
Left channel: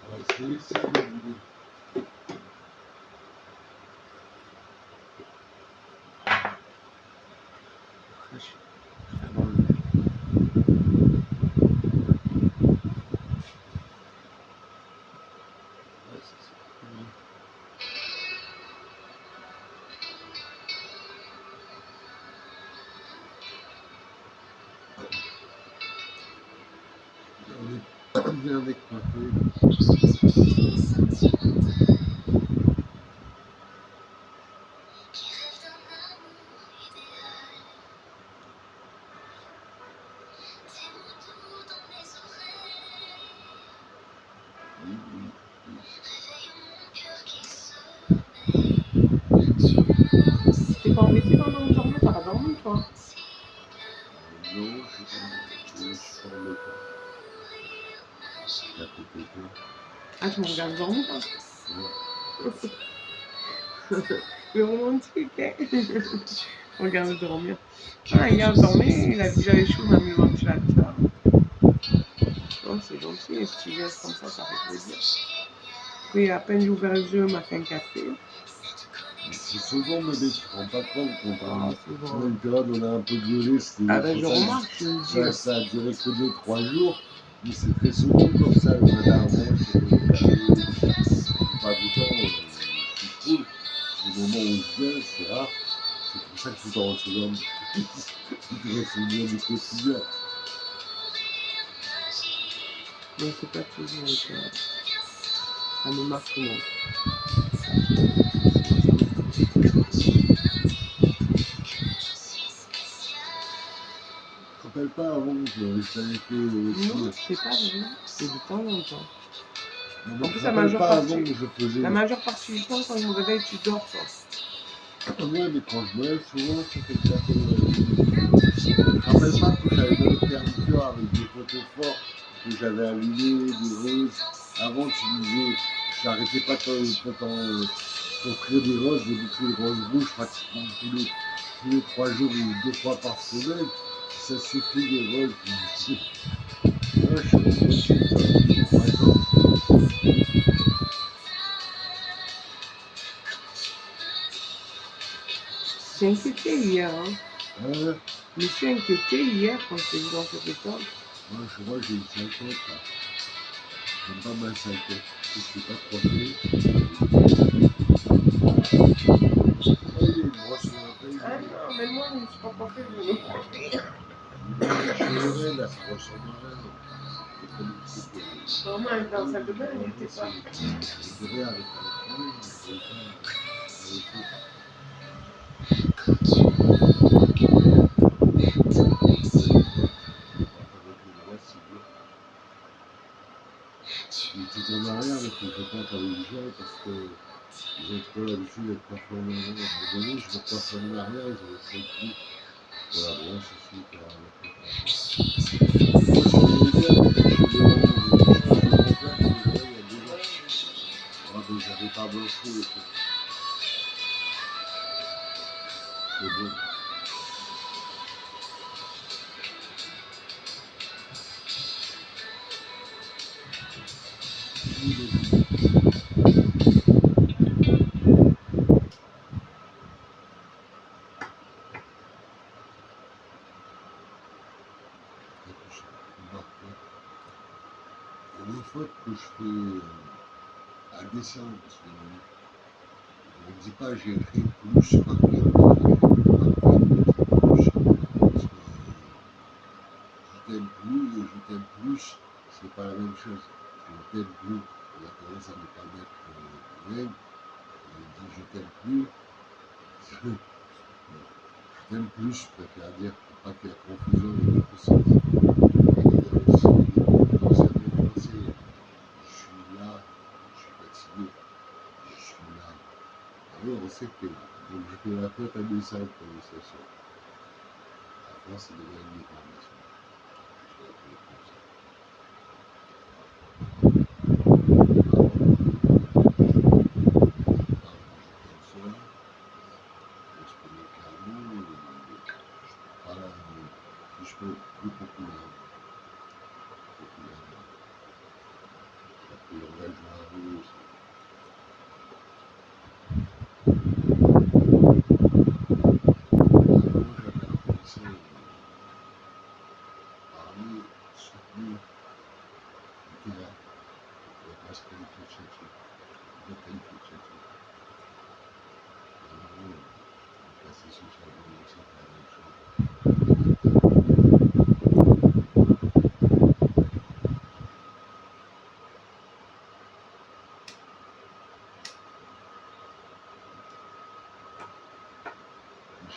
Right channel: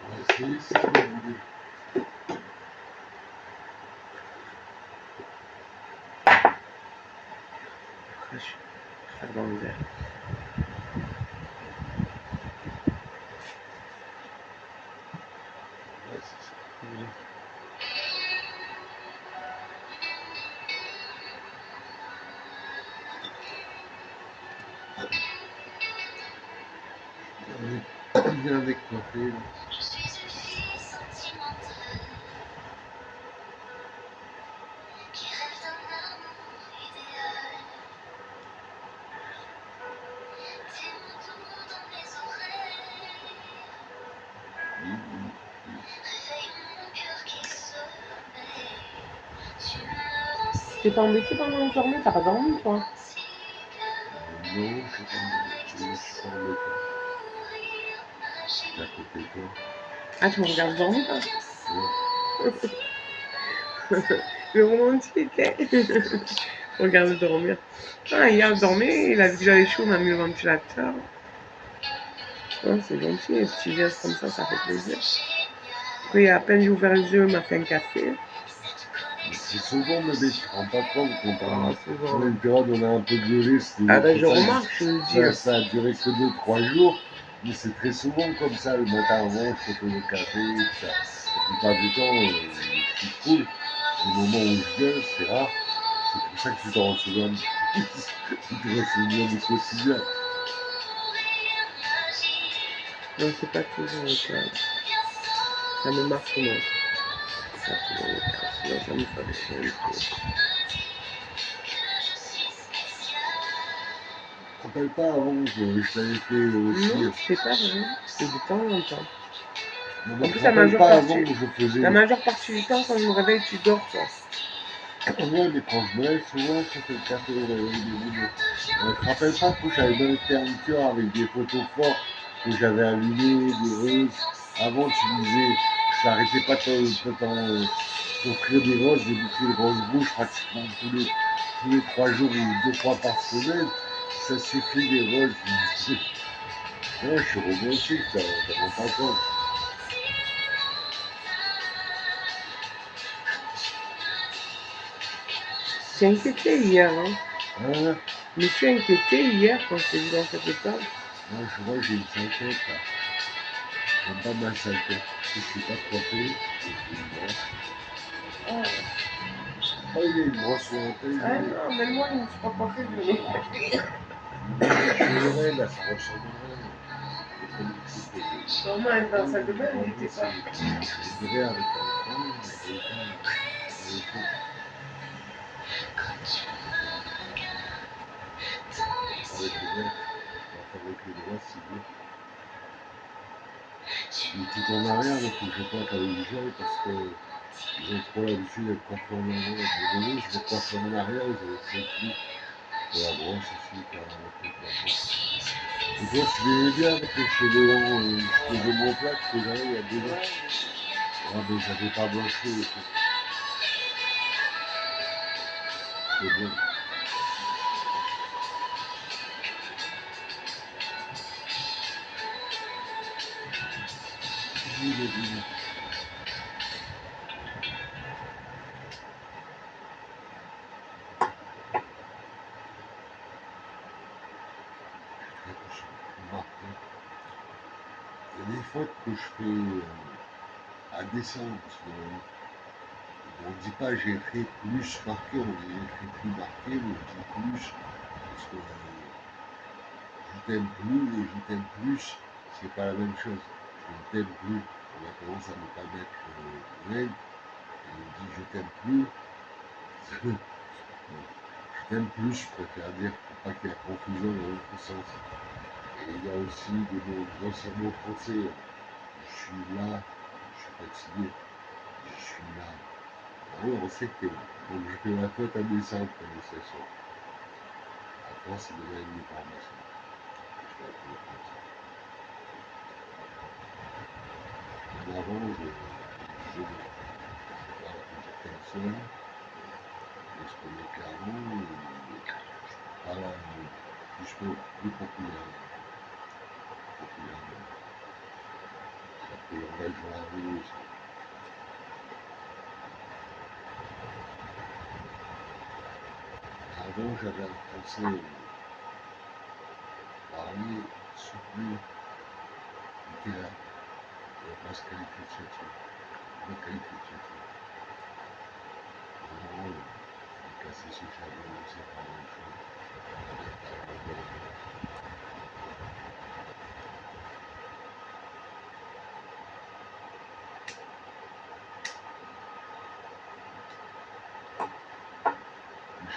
On va essayer ça, vous voulez. Après, je vais faire dans le verre. Ouais, c'est ça. On est bien décoiffé. Je suis une fille sentimentale qui rêve d'un amour idéal. Tes mots doux dans mes oreilles réveillent mon cœur qui sommeille. Tu me rends si T'es pas embêté pendant le dormir? T'as pas dormi, toi? romantique Non, je avec ne ton suis pas embêté. sourire magique. J'étais à côté de toi. Ah, tu me regardes dormir, là? Ouais. Le romantique, hein? Regarde dormir. Ah, hier, je dormais, il a vu que j'avais chaud, il m'a mis le ventilateur. Oh, c'est gentil, un petit geste comme ça fait plaisir. Puis, à peine j'ai ouvert les yeux, il m'a fait un café. C'est souvent, bébé, tu te rends pas compte quand Ah, c'est on a bon. une période où on a un peu gueulé, c'était Ah, ben, notre je famille. remarque, je le dis. Ça a duré que 2-3 jours, mais c'est très souvent comme ça. Le matin avant, je te fais le café, tout ça. La plupart du temps, je suis cool. Les moments où je gueule, c'est rare. C'est pour ça que tu t'en souviens. Tu te souviens du quotidien. Non, c'est pas toujours le cas. Ça me marque moins. Pas trop le cas. Sinon, ça me ferait chier. Je me rappelle pas avant que je t'avais fait aussi. Non, c'est pas vrai. C'est de temps en temps. Non, En mais plus, je la me rappelle majeure pas partie, avant que je faisais. la majeure partie du temps, quand je me réveille, tu dors, toi. Ouais, mais quand je me lève, souvent, je fais le café au réveil. Je me rappelle pas que j'avais même fait un cœur avec des photos fortes que j'avais allumées, des roses. Avant, tu disais, je n'arrêtais pas de t'offrir des roses, des bouquets de roses rouges pratiquement tous les 3 jours ou 2 fois par semaine. Ça suffit des roses. Non, je suis romantique, ça. Je m'en rends pas compte. Je suis inquiété hier. Hein. Hein? Je me suis inquiété hier quand je t'ai vu dans cet état. Moi, je vois, j'ai une sale tête, là. J'aime pas ma sale tête. Je suis pas coiffé. Oh, il y a une brosse sur la tête. Ah non, mais moi, je ne suis pas coiffée, je vais me coiffer. Les oreilles, là, ça ressemble à rien. C'est comme une soupe. Maman est dans la salle de bain, il était pas. Je dirais avec un point, mais je pas avec tout. Avec les doigts, c'est bien. Et tout en arrière, il faut que je pointe avec du gel parce que ils ont trop l'habitude d'être coiffés en avant. À un moment donné, je vais coiffer en arrière, ils avaient trop de plis. De la brosse aussi, qui a la tête. Moi, je voulais aider avec les cheveux longs, je faisais mon plat déjà il y a 2 ans. Ouais, mais j'avais pas blanchi et tout. C'est bon. Oui, vas-y. Il y a des fautes que je fais à dessein, parce que On ne dit pas j'ai été plus marqué, on dit j'ai été marqué, on dit plus. Parce que je t'aime plus et je t'aime plus, c'est pas la même chose. Je ne t'aime plus, on a tendance à ne pas mettre le même, et on dit je t'aime plus. Je t'aime plus, je préfère dire pour pas qu'il y ait confusion dans l'autre sens. Et il y a aussi des anciens mots français. Je suis là, je suis fatigué, je suis là. Ah oui, on sait que t'es là. Donc je fais la faute à mes simples prononciations. En France, c'est devient une déformation. Je l'appelle comme ça. Avant, je t'aime cela, l'exprimer clairement, par la plus populairement. Ça fait langage de la rue aussi. Avant, j'avais un français parlé, soutenu, littéraire. Je ne vais pas se qualifier de chercheur. Je me qualifie de chercheur. Maintenant, le cassé social c'est pas la même chose.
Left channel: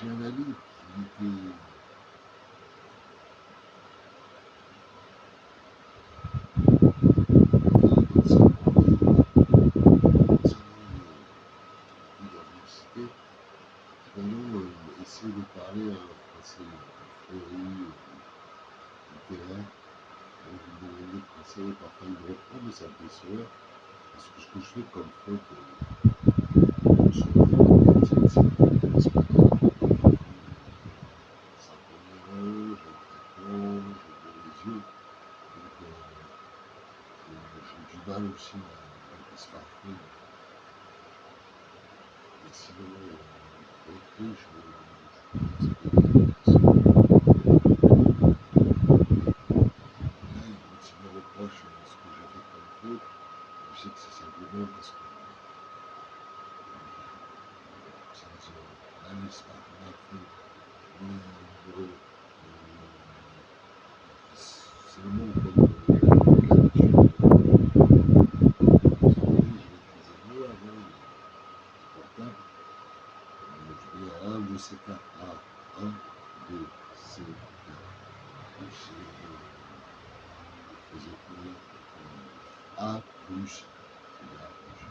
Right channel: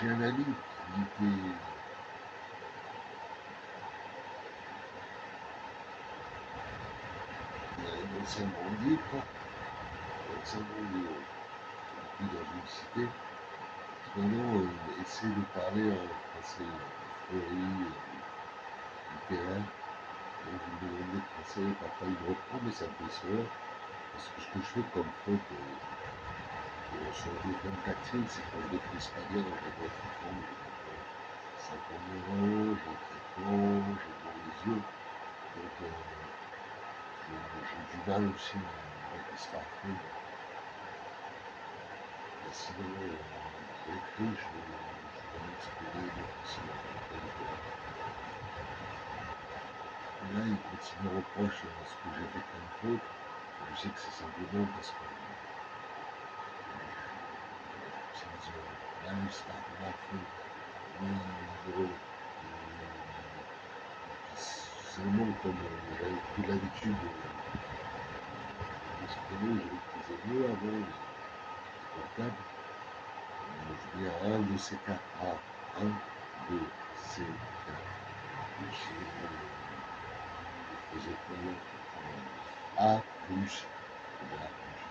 J'ai un ami qui était dans sa banlieue, dans une cité, maintenant essaie de parler un français fleuri, littéraire. Donc je lui demande des conseils, parfois il me reprend, mais ça me fait sourire. Parce que ce que je fais comme faute, sur le quartier, c'est que je fais l'espagnol. Ça tourne les rangs, j'ai un traitement, j'ai blanc les yeux. Donc j'ai du mal aussi avec les smartphones. Mais sinon, à l'écrit, je m'exprime facilement. Là, il continue à reproche ce que j'ai fait comme faute. Je sais que c'est simplement parce que j'utilise mal les smartphones, mais seulement comme j'avais l'habitude, parce que je maîtrisais mieux avant les portables. Je dis à un de ces quatre. A, 1, 2, C, 4. J'ai faisais comment A plus, A plus.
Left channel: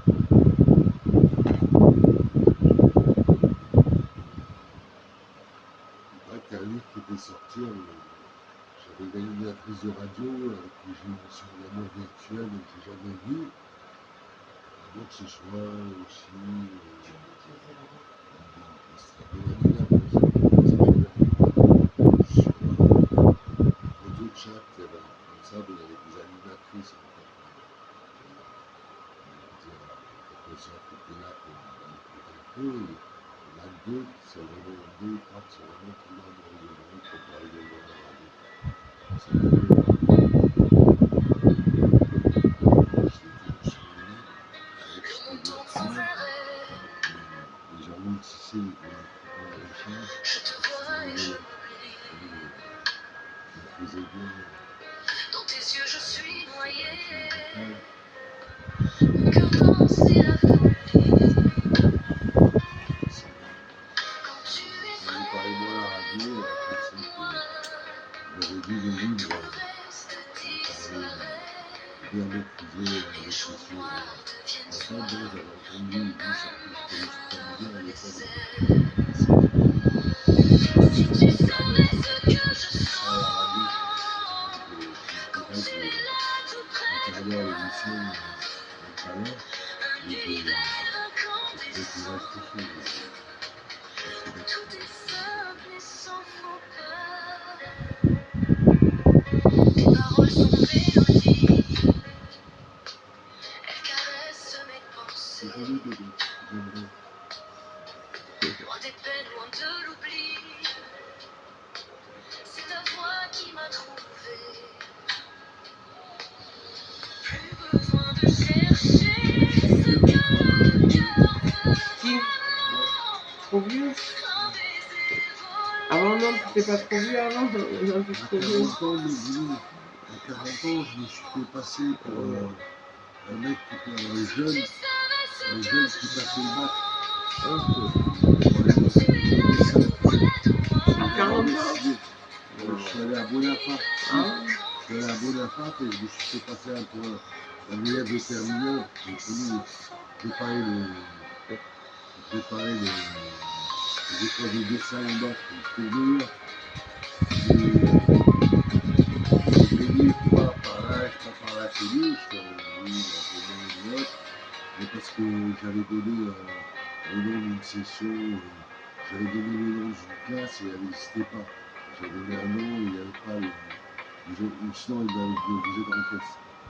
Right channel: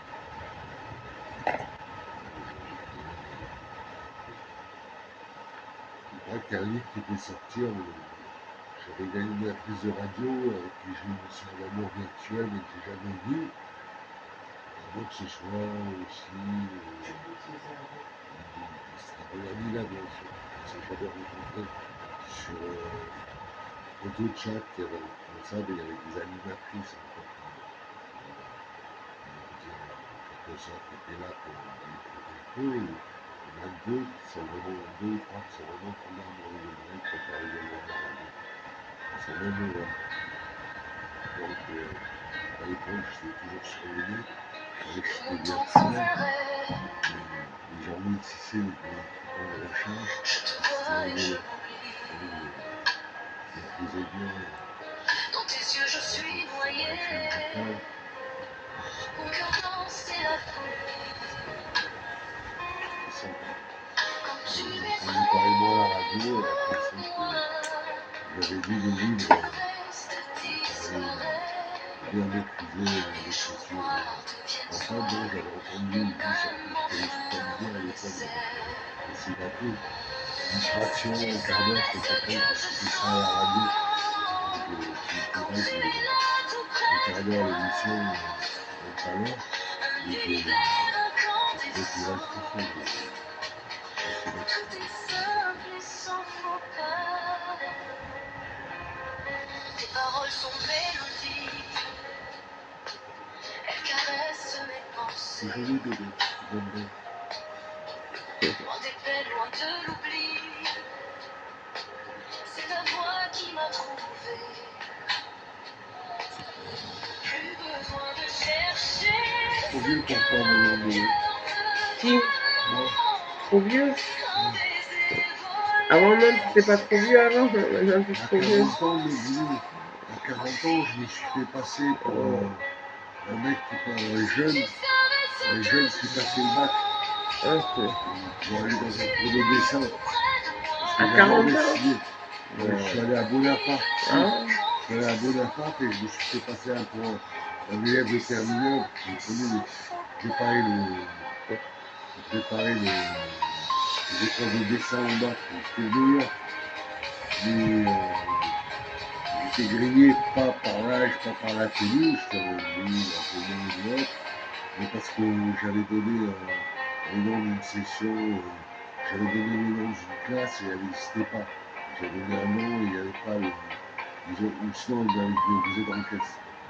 Il paraît qu'il y a un livre qui était sorti, j'avais une animatrice de radio avec qui j'ai une histoire d'amour virtuelle mais que j'ai jamais vue. Donc ce soit aussi il serait bonne amie là sur photo de chat, il y avait comme ça, mais il y avait des animatrices en fait. En quelque sorte, qui étaient là pour écouter un peu. Et il y en a deux qui sont vraiment, deux ou trois qui sont vraiment tombés amoureux de moi quand on arrive au monde de la radio. C'est moi, j'étais toujours sur le net, je savais que c'était virtuel, mais j'engloutissais les trucs de recherche, c'était rigolo. Je maîtrisais bien Dans tes yeux, je suis noyé. mon cœur danse et la folie. Quand tu m'effraies, moi à la radio, elle a pensé que j'avais lu le livre, bien maîtrisé l'écriture. En fait, non, j'avais entendu juste, je connaissais pas bien à l'époque. Si on regardait, ça s'appelle c'est ça à la radio. Donc, s'il faudrait que regardais l'émission tout à l'heure, mais j'ai trouvé tout le reste aussi. tout est simple et sans faux pas. Tes paroles sont mélodies, elles caressent mes C'est pensées. joli bébé, j'aimerais. Loin des peines, loin de l'oubli, c'est ta voix qui m'a trouvé. Plus besoin de chercher ce que mon cœur veut. qui? Moi, Trop vieux? Avant, non, t'étais pas trop vieux avant. Maintenant, t'es à trop vieux. 40 ans, mais oui, à 40 ans, je me suis fait passer pour un mec un jeune qui passait le bac Ok. pour le dessin. À J'ai 40 d'abord ans? décidé. Non. Je suis allé à Bonaparte. Si, Ah, je suis allé à Bonaparte et je me suis fait passer pour un élève de terminale. J'ai préparé les épreuves de dessin au bac. J'étais le meilleur. Mais j'ai grillé pas par l'âge, pas par la tenue. J'étais oui, un peu moins que l'autre. Mais parce que j'avais donné le nom d'une session, j'avais donné le nom d'une classe et elle n'existait pas. J'avais donné un nom et il n'y avait pas le. Ou sinon, ils m'avaient dit vous êtes dans quelle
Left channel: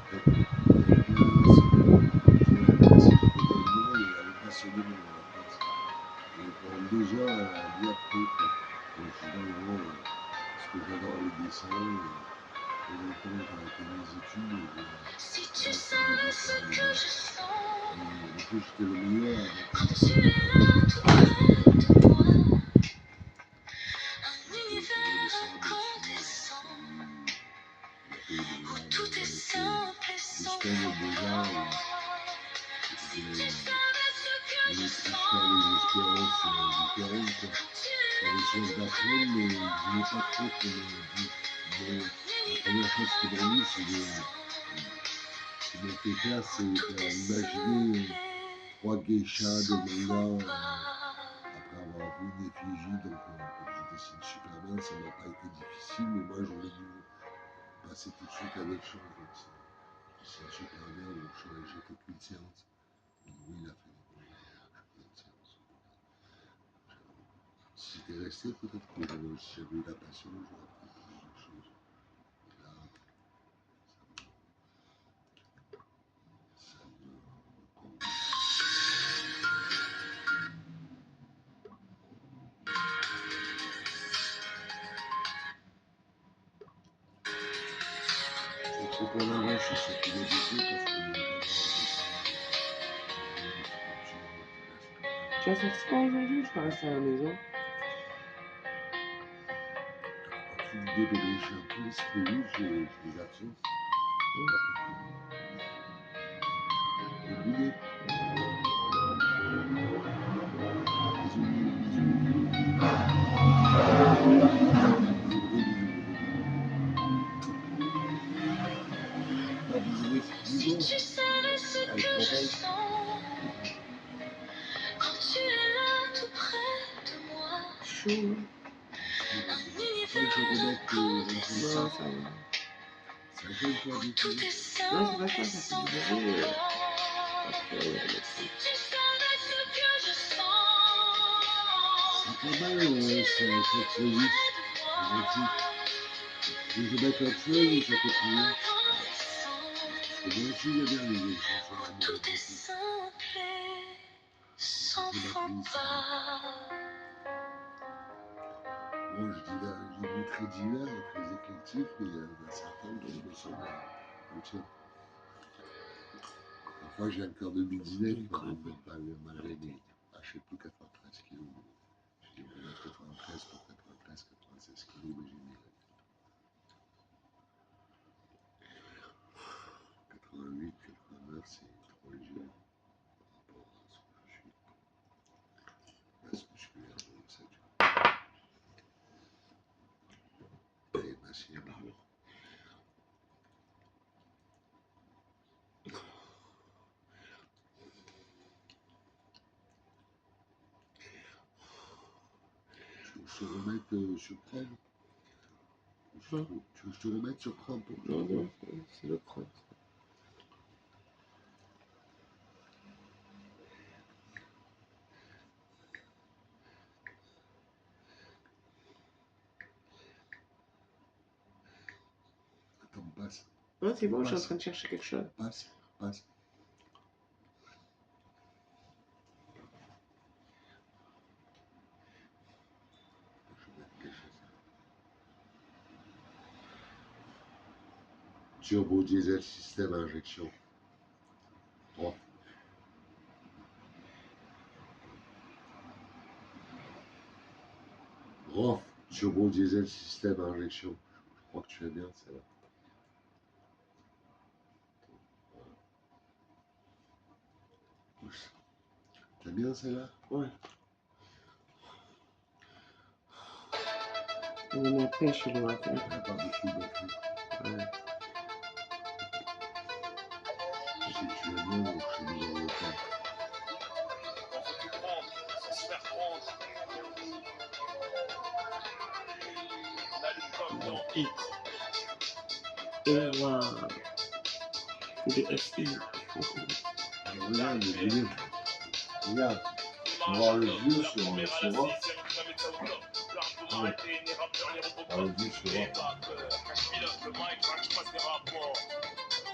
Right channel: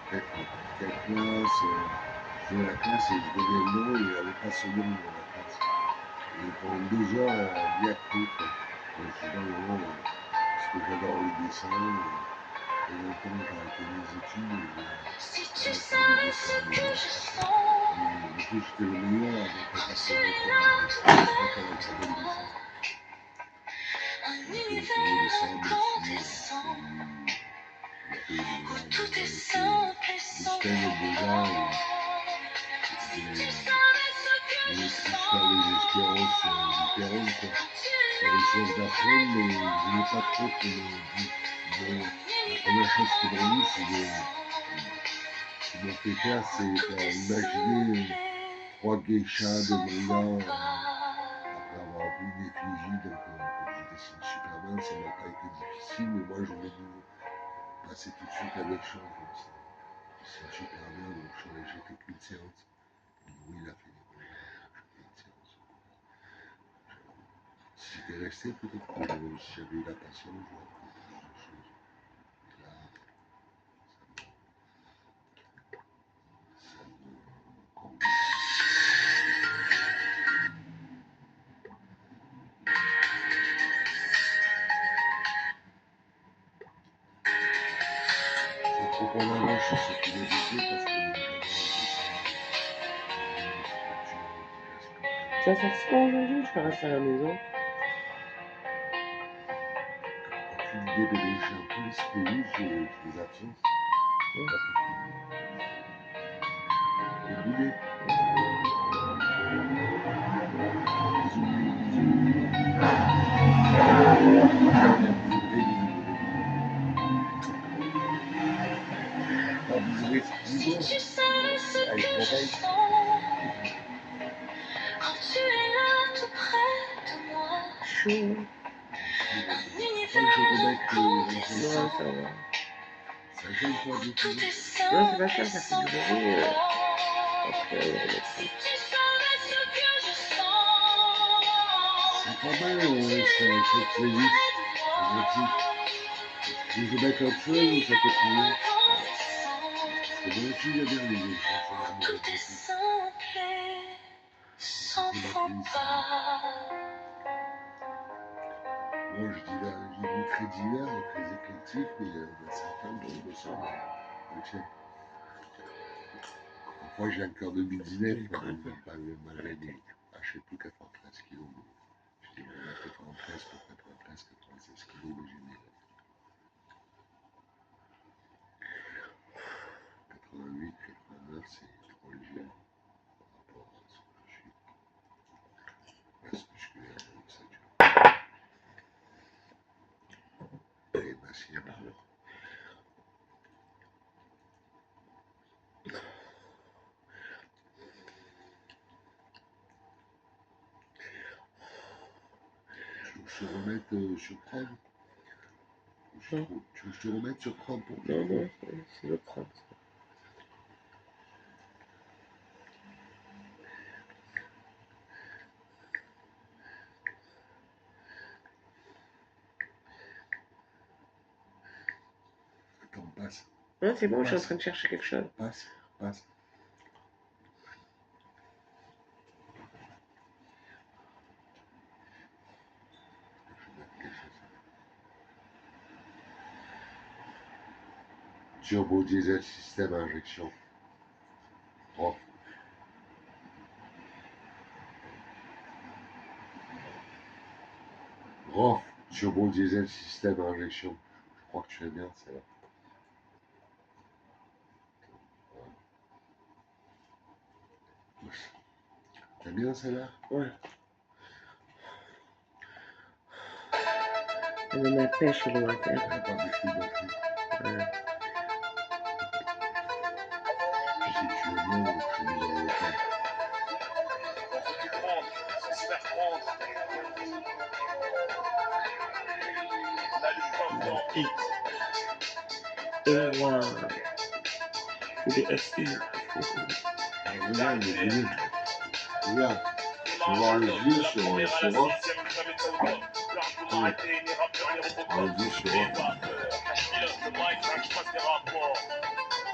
classe, vous êtes dans la classe et je donnais le nom et il n'y avait pas ce nom dans la classe. Et pendant 2 heures, elle a dit appris quoi. Donc je dis non, non, parce que j'adore le dessin. Et longtemps j'ai arrêté mes études et j'ai arrêté le dessin de moi. Et en plus j'étais le meilleur, donc elle m'a fait des photos. J'ai fait le dessin, bien sûr, il a fait les beaux-arts, j'avais fait l'hôpital des beaux-arts et je voulais plus faire les espérances différentes quoi. J'avais soif d'apprendre mais je voulais pas trop qu'on me dise. La première chose qu'ils m'ont dit, qu'ils m'ont fait faire, c'est faire imaginer 3 geishas de manga après avoir vu une effigie. Donc, comme je dessine super bien, ça m'a pas été difficile, mais moi, je voulais passer tout de suite à d'autres choses. Donc, je dessine super bien, donc j'ai fait qu'une séance. Et oui, il a fait des beaux-arts, j'ai fait une séance. Si j'étais resté, peut-être que si j'avais eu la patience, j'aurais appris plus de choses. Et là, ça me convient. C'est trop en avant sur cette philosophie parce que j'adore le dessin, les sculptures, toute la sculpture. tu vas sortir quand aujourd'hui ou tu vas rester à la maison? Aucune idée, bébé, j'ai un peu l'esprit loose, je fais absence. Et boulet. Bisous, bisous. Bisous, bisous, bisous. Pas bisous, dis-moi. Avec l'oreille. Quand tu es là tout près de moi, Chaud. Faut pas que je remette les Non, rencontres. ça va. Ça gêne pas du tout. Non, c'est pas ça, ça fait du bruit. Après, on va remettre ça. C'est pas mal, cette playlist. C'est gentil. Tu veux que je mette autre chose ou ça te convient? Parce que moi aussi j'aime bien les chansons d'amour et tout. C'est ma playlist. Moi je dis là, j'ai mis très divers et très éclectique, mais il y en a certaines qui ressemblent au tien. Parfois j'ai un cœur de midinette, malgré mes, je sais plus, 93 kilos. Je dis on va mettre 93 pour 93, 96 kilos, mais j'ai mis 88, 89, c'est trop léger par rapport à ce que je suis. Masse musculaire, donc ça dure. Et masse libre. Tu veux que je te remette sur Chrome? Tu veux que je te remette sur Chrome pour Non, non, c'est le crampe. Attends, passe. Non, c'est bon, je suis en train de chercher quelque chose. Passe, passe. Je vais mettre quelque chose. Turbo diesel système à injection. Oh. ROF, turbo diesel système à injection. Je crois que tu l'as bien, celle-là. T'as bien celle-là? Ouais. Elle donne la pêche, le water. Elle n'a pas beaucoup de batterie. Ouais. Si tu veux bien, je suis obligé d'en faire. On veut tout prendre, sans se faire prendre. On allume comme dans Hit. Et waouh. TDSI. Regarde, il est bien. Regarde, on va voir le vieux sur ROF. On va le vieux sur ROF.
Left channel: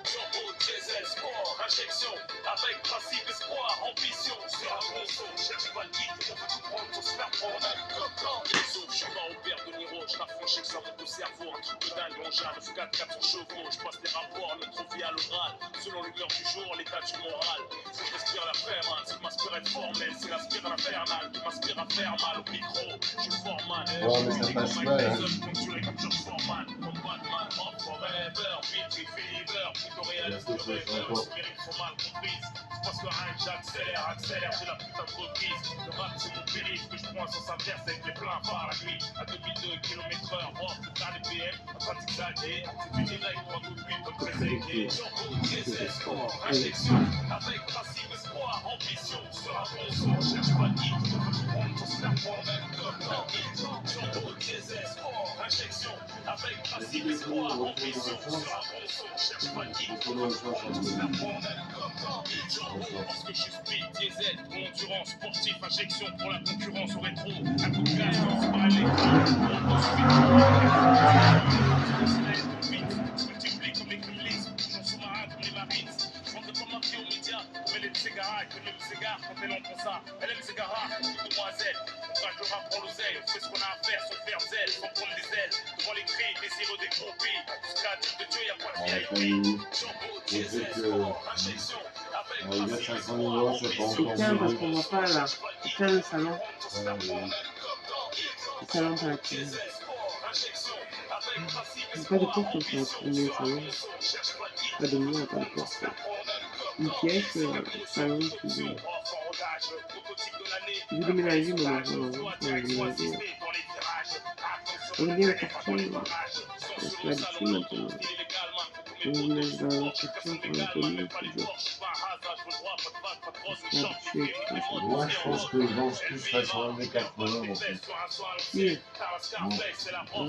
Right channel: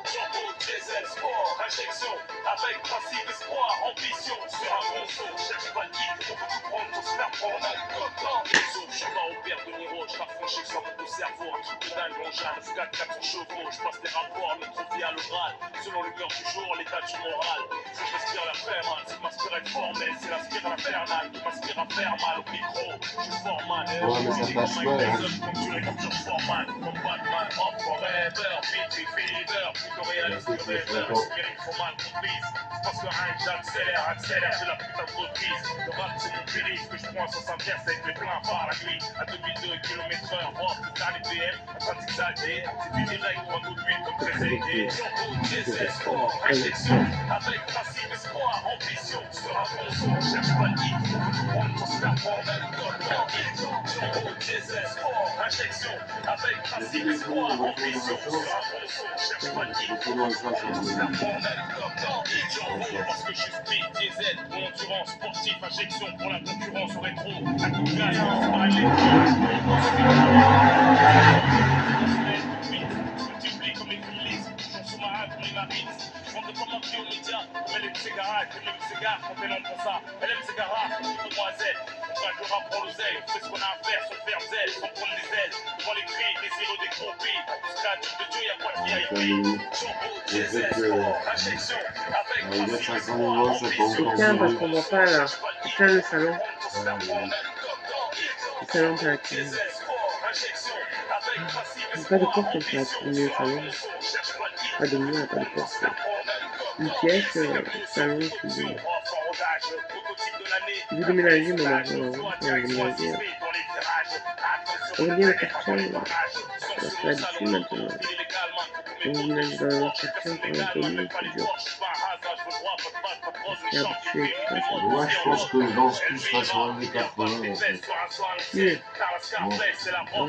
Turbo, diesel, sport, injection, avec principe, espoir, ambition, sur un bon son, cherche pas de hit, on veut tout prendre, faut se faire prendre, on a le cop dans les sauts, je suis pas au père de Niro, je raffronche que ça monte au cerveau, un truc de dingue, on jane, 9-4, 400 chevaux, je passe des rapports, notre vie à l'oral, selon l'humeur du jour, l'état du moral, faut que j'inspire la faire mal, ce qui m'inspire être formel, c'est l'aspire à l'infernal, qui m'inspire à faire mal au micro, je suis Foreman, Ouais, mais ça passe mal, hein. ponctué comme George Foreman, comme Batman, Hop Forever, Beat Fever, plutôt réaliste que rêveur, mérite faut mal comprise, parce que rien que j'accélère, de la putain de reprise, le rap c'est mon périph' que je prends à sens inverse avec les pleins par la nuit, à 2002 km/h, rock, le dernier PM, en train de zigzaguer, c'est du direct, droit au but comme très aidé, turbo, diesel, sport, injection, avec principe, espoir, ambition, sur un bon son, cherche pas de hit, on veut tout prendre sans se faire prendre, comme dans hit, turbo, diesel, sport, injection, avec principe, espoir, ambition, sur un bon son, cherche pas de hit, on veut tout prendre sans se faire prendre, comme dans hit, turbo, parce que je suis speed, diesel, pour endurance, sportif, injection, pour la concurrence au rétro, un coup de glace, c'est pas multiplie comme les criminalistes, j'en sous-marin comme les marines. Je vendrai pas ma vie aux médias, comme elle aime ses garages, elle aime ses gars, quand elle en prend ça, elle aime ses garages, tout demoiselle. On traque le rap pour l'oseille, on fait ce qu'on a à faire, sans faire zèle, sans prendre des ailes. Devant les cris, désireux des groupis, tout ce créature de Dieu, y'a pas de VIP. Turbo, diesel, sport, injection, avec Il y a principe, 500 euros, c'est pas encore Tiens, parce zéro. qu'on voit pas là. Tiens, le salon. Le salon platine. Il n'y a pas de porte en fait, au milieu du salon. Pas de mur, pas de porte. Une pièce, salon, cuisine. Je vais déménager, mon mari, on va déménager. On va bien le quartier, c'est l'habitude maintenant. On va déménager dans un autre quartier, encore inconnu, c'est dur. On s'est habitué, tu vois, c'est Moi, je pense que je danse plus façon années 80 en fait. Oui. Bon.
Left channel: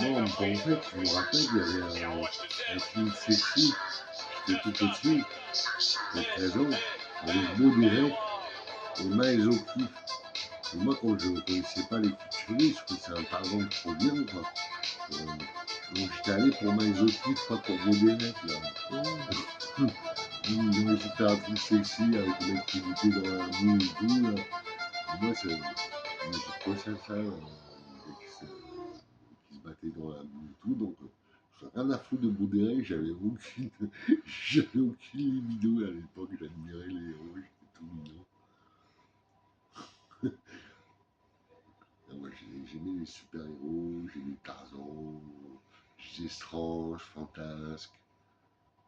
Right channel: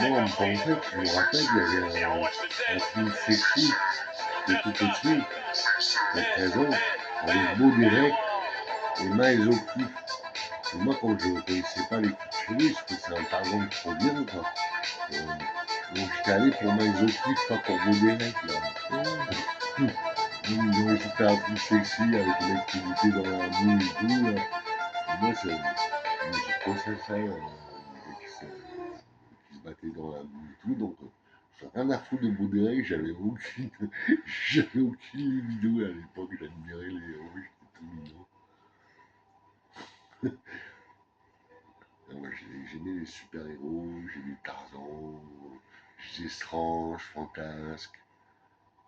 Non, en fait, je me rappelle, il y avait un film sexy qui était tout au-dessus, il y a 13 ans, avec Beau Direct et Miles O'Keeffe. Et moi, quand je ne connaissais pas les culturistes, je trouvais c'est un tarzan trop bien, quoi. Donc j'étais allé pour Miles O'Keeffe, pas pour Beau Direct, là. Ils ont essayé de faire un truc sexy avec le mec qui était dans la boue et tout, là. Et moi, j'ai trouvé ça, le gars qui se battait dans la boue et tout, donc j'ai rien à foutre de Beau Direct, j'avais aucune vidéo à l'époque, j'admirais les héros, j'étais tout mignon. Moi, j'aimais les super-héros, j'aimais Tarzan, j'aimais Strange, Fantasque,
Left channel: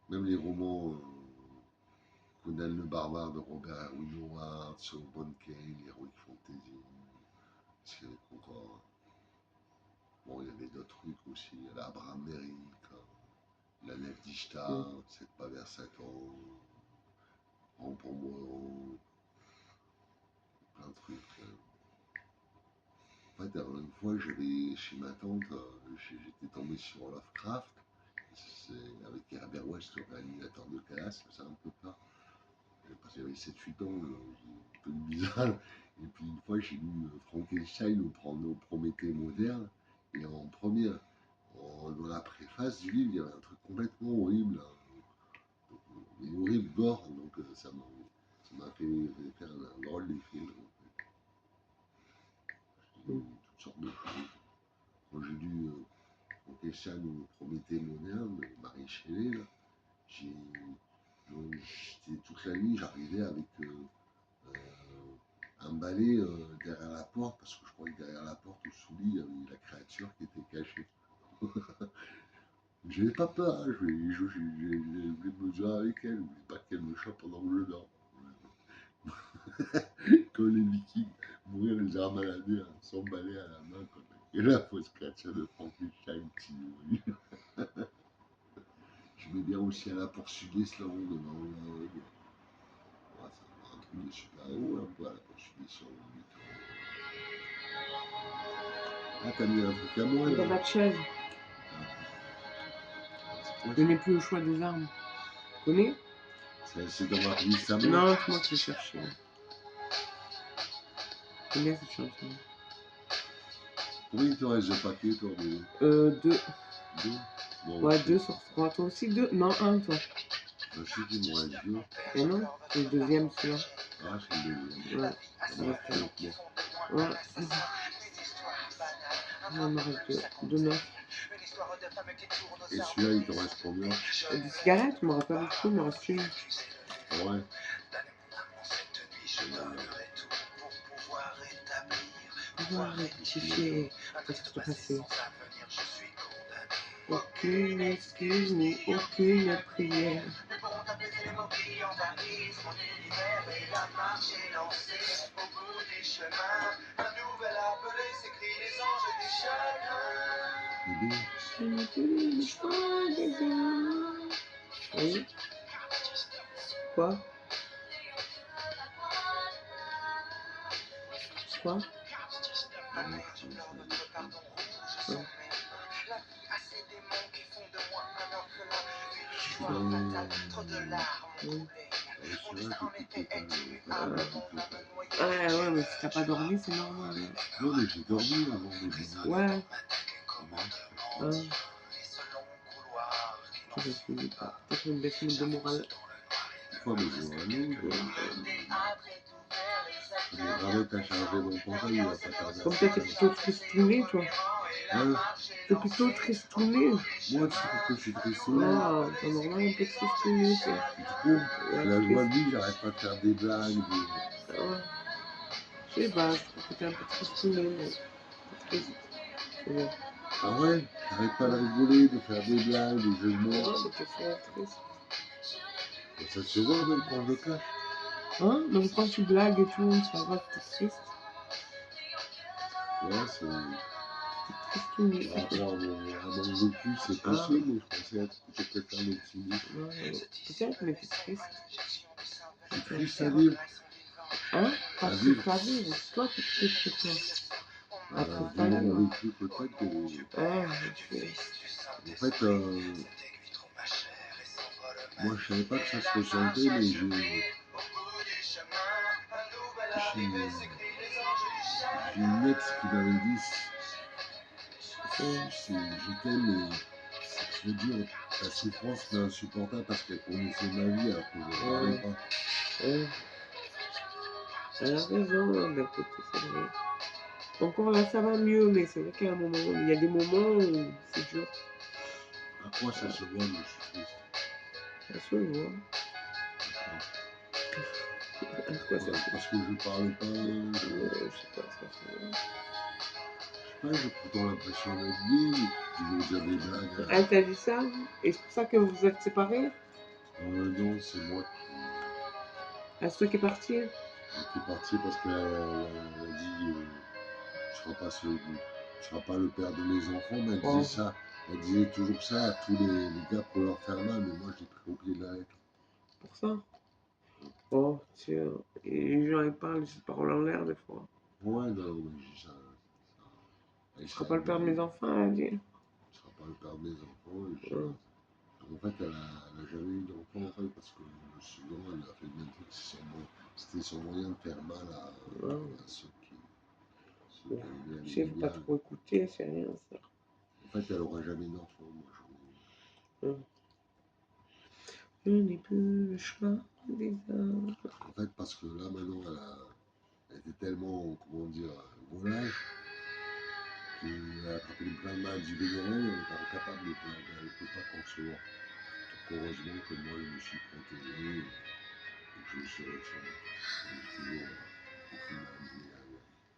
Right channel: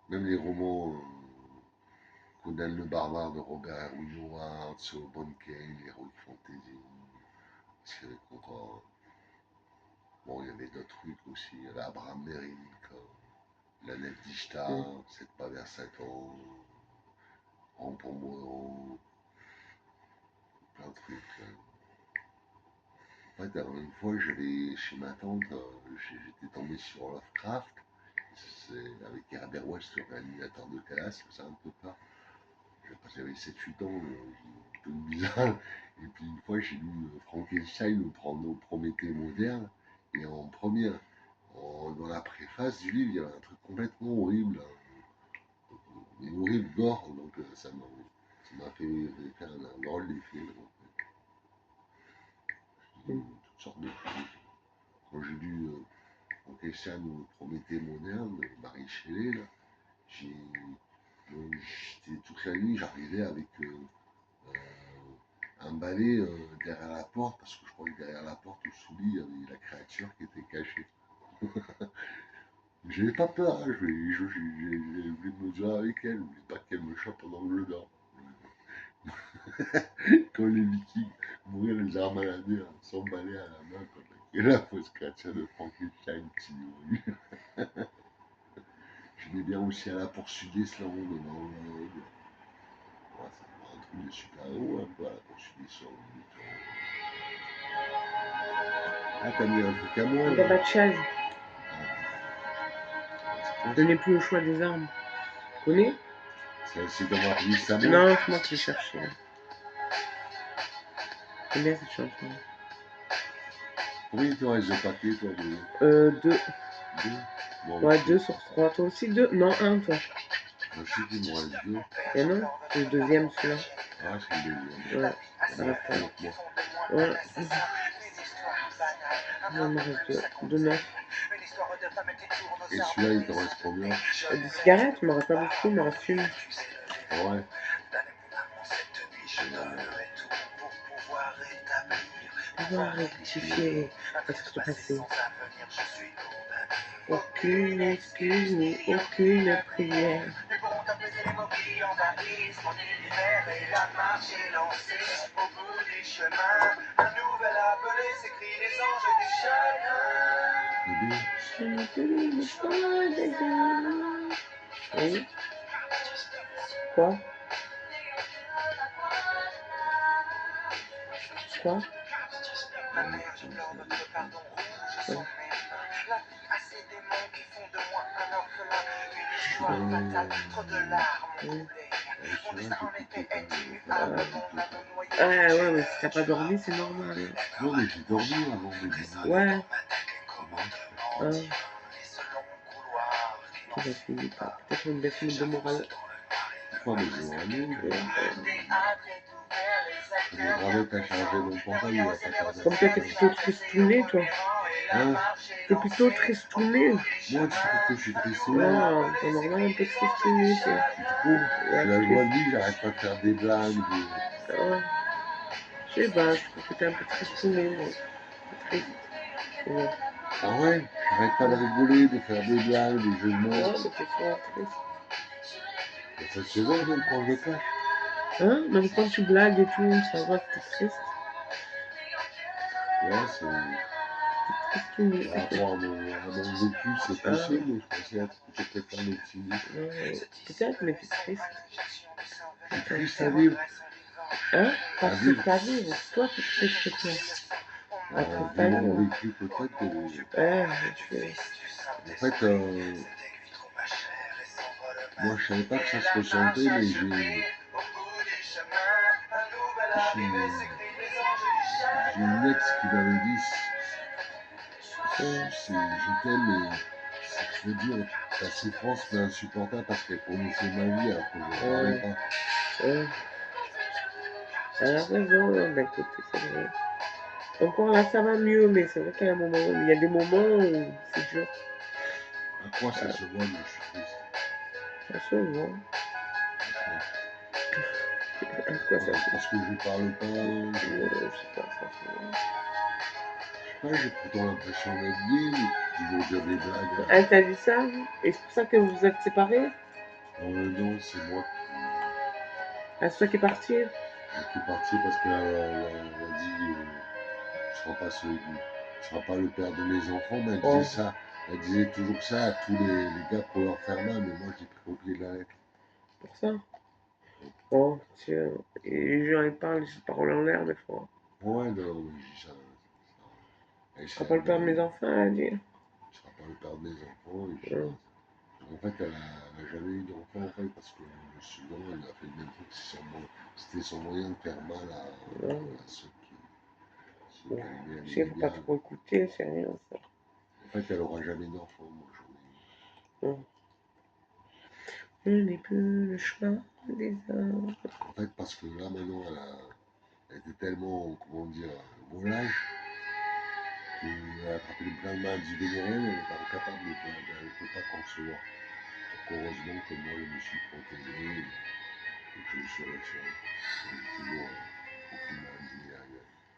même les romans Conan le Barbare de Robert Erwin Howard, Solomon Kane, Heroic Fantasy, ce qu'il y avait encore. Bon, il y avait d'autres trucs aussi, il y avait Abraham Merrick, La Nef d'Ishtar, 7 pas vers Satan, Rang pour moi, plein de trucs. En fait, une fois, j'avais chez ma tante, j'étais tombé sur Lovecraft, avec Herbert West, le réanimateur de classe, ça un peu pas. J'avais 7-8 ans, peu bizarre. Et puis une fois, j'ai lu Frankenstein au Prométhée moderne. Et en première, dans la préface du livre, il y avait un truc complètement horrible. Mais horrible, gore. Donc ça m'a fait faire un drôle d'effet. Toutes sortes de choses. Quand j'ai lu Frankenstein ou Prométhée moderne de Marie Shelley, là, j'étais toute la nuit, j'arrivais avec un balai derrière la porte, parce que je croyais que derrière la porte, sous le lit, il y avait la créature qui était cachée. J'avais pas peur, hein, j'ai voulu me mesurer avec elle, je voulais pas qu'elle me chope pendant que je dors. Comme les Vikings, mourir les armes à la main, sans balai à la main, quand la fausse créature de Frankenstein qui nourrit. J'aimais bien aussi à la poursuite des slams de Norvège. Ouais, c'est un truc de super-héros un peu à la poursuite des slams. Ah, t'as mis un truc à moi Il n'y a là. pas de chaise. Ah, Je n'ai plus le choix des armes. Tu connais? c'est dans ma playlist à moi. Non, c'est moi qui l'ai cherché. J'aime bien cette chanson. Combien il te reste de paquets, toi, Deux. Deux. Moi Ouais, aussi. 2 sur 3. Toi aussi 2? Non, 1 toi. Je sais qu'il me reste deux. Et non, c'est le deuxième celui-là. Ah, c'est le deuxième. Ouais, ça Ouais, reste un. avec moi. Ouais. Il me reste 2, 9. Et celui-là, il te reste combien? Des cigarettes, il m'en reste pas beaucoup, il m'en reste une. Ouais. Pouvoir rectifier votre passé. Aucune excuse ni aucune prière. Bébé. Ce n'est plus l'histoire des hommes. Oui. Quoi? Quoi? Ouais. Je suis dans le. Oui. Celui-là, j'écoute total. Ah ouais, mais si t'as pas dormi, c'est normal. Non, mais j'ai dormi avant de dîner. Ouais. Ouais. Qui va finir par peut-être une baisse de morale. Pourquoi mais je vois aller, je me gravette à charger mon portable, il va pas tarder. Comme toi, t'es plutôt tristouné, toi. Hein? T'es plutôt tristouné. Moi, tu trouves que je suis tristouné? Ah, t'es normal un peu tristouné, c'est. Tu trouves? J'ai la joie de vivre, j'arrête pas de faire des blagues. Ouais. Je sais pas, je trouve que t'es un peu tristouné, moi. T'es triste. Ouais. Ah ouais? J'arrête pas de rigoler, de faire des blagues, des jeux de mots. Ouais, mais t'es souvent triste. Et ça se voit même quand je le cache. Hein? Même quand tu blagues et tout, ça va que t'es triste. Ouais, c'est. T'es tristouné. Par rapport à mon vécu, c'est possible, mais je pensais être peut-être quelqu'un d'optimiste. Peut-être, mais t'es triste. Je suis triste à vivre. Hein? Pas À triste vivre. à vivre. Toi, t'es triste, toi. Pas triste à Vu mon vivre. vécu, peut-être que. Ouais, je sais. En fait, moi je savais pas que ça se ressentait, mais j'ai une ex qui m'avait dit je t'aime, mais c'est trop dur. Ta souffrance m'est insupportable parce qu'elle connaissait ma vie alors que je ne parlais pas. Ouais. Elle a raison, hein. Bah écoute, c'est vrai. Encore là, ça va mieux, mais c'est vrai qu'il y a un moment, il y a des moments où c'est dur. À quoi ça se voit, mais je suis triste. Ça se voit. À quoi ça se voit? Parce que je parle pas. Je sais pas, ça se voit. Je sais pas, j'ai pourtant l'impression d'être gay, toujours dire des blagues. Elle t'a dit ça? Et c'est pour ça que vous êtes séparés? Non, c'est moi Ah, c'est toi qui es parti? qui est parti parce qu'elle a dit tu seras pas le père de mes enfants, mais elle disait ça. Elle disait toujours ça à tous les gars pour leur faire mal, mais moi je l'ai pris au pied de la lettre. Pour ça? Oh, tiens. Et les gens ils parlent, ils se parlent en l'air des fois. Ouais, non, mais je dis ça. Tu seras pas le père de mes enfants, elle a dit. Tu seras pas le père de mes enfants, et puis, En fait, elle a jamais eu d'enfant, en fait, parce que souvent, elle a fait le même truc. C'était son moyen de faire mal à Ouais. ceux Bon, qu'elle aimait, tu elle sais, aimait faut pas bien. trop écouter, c'est rien ça. En fait, elle aura jamais d'enfant, moi, j'en ai eu. Je n'ai plus le choix des hommes. En fait, parce que là, maintenant, elle était tellement, comment dire, volage, qu'elle a attrapé plein de maladies vénériennes, elle est incapable, elle ne peut pas concevoir. Donc, heureusement que moi, je me suis protégé et que je me suis retiré. J'ai toujours aucune maladie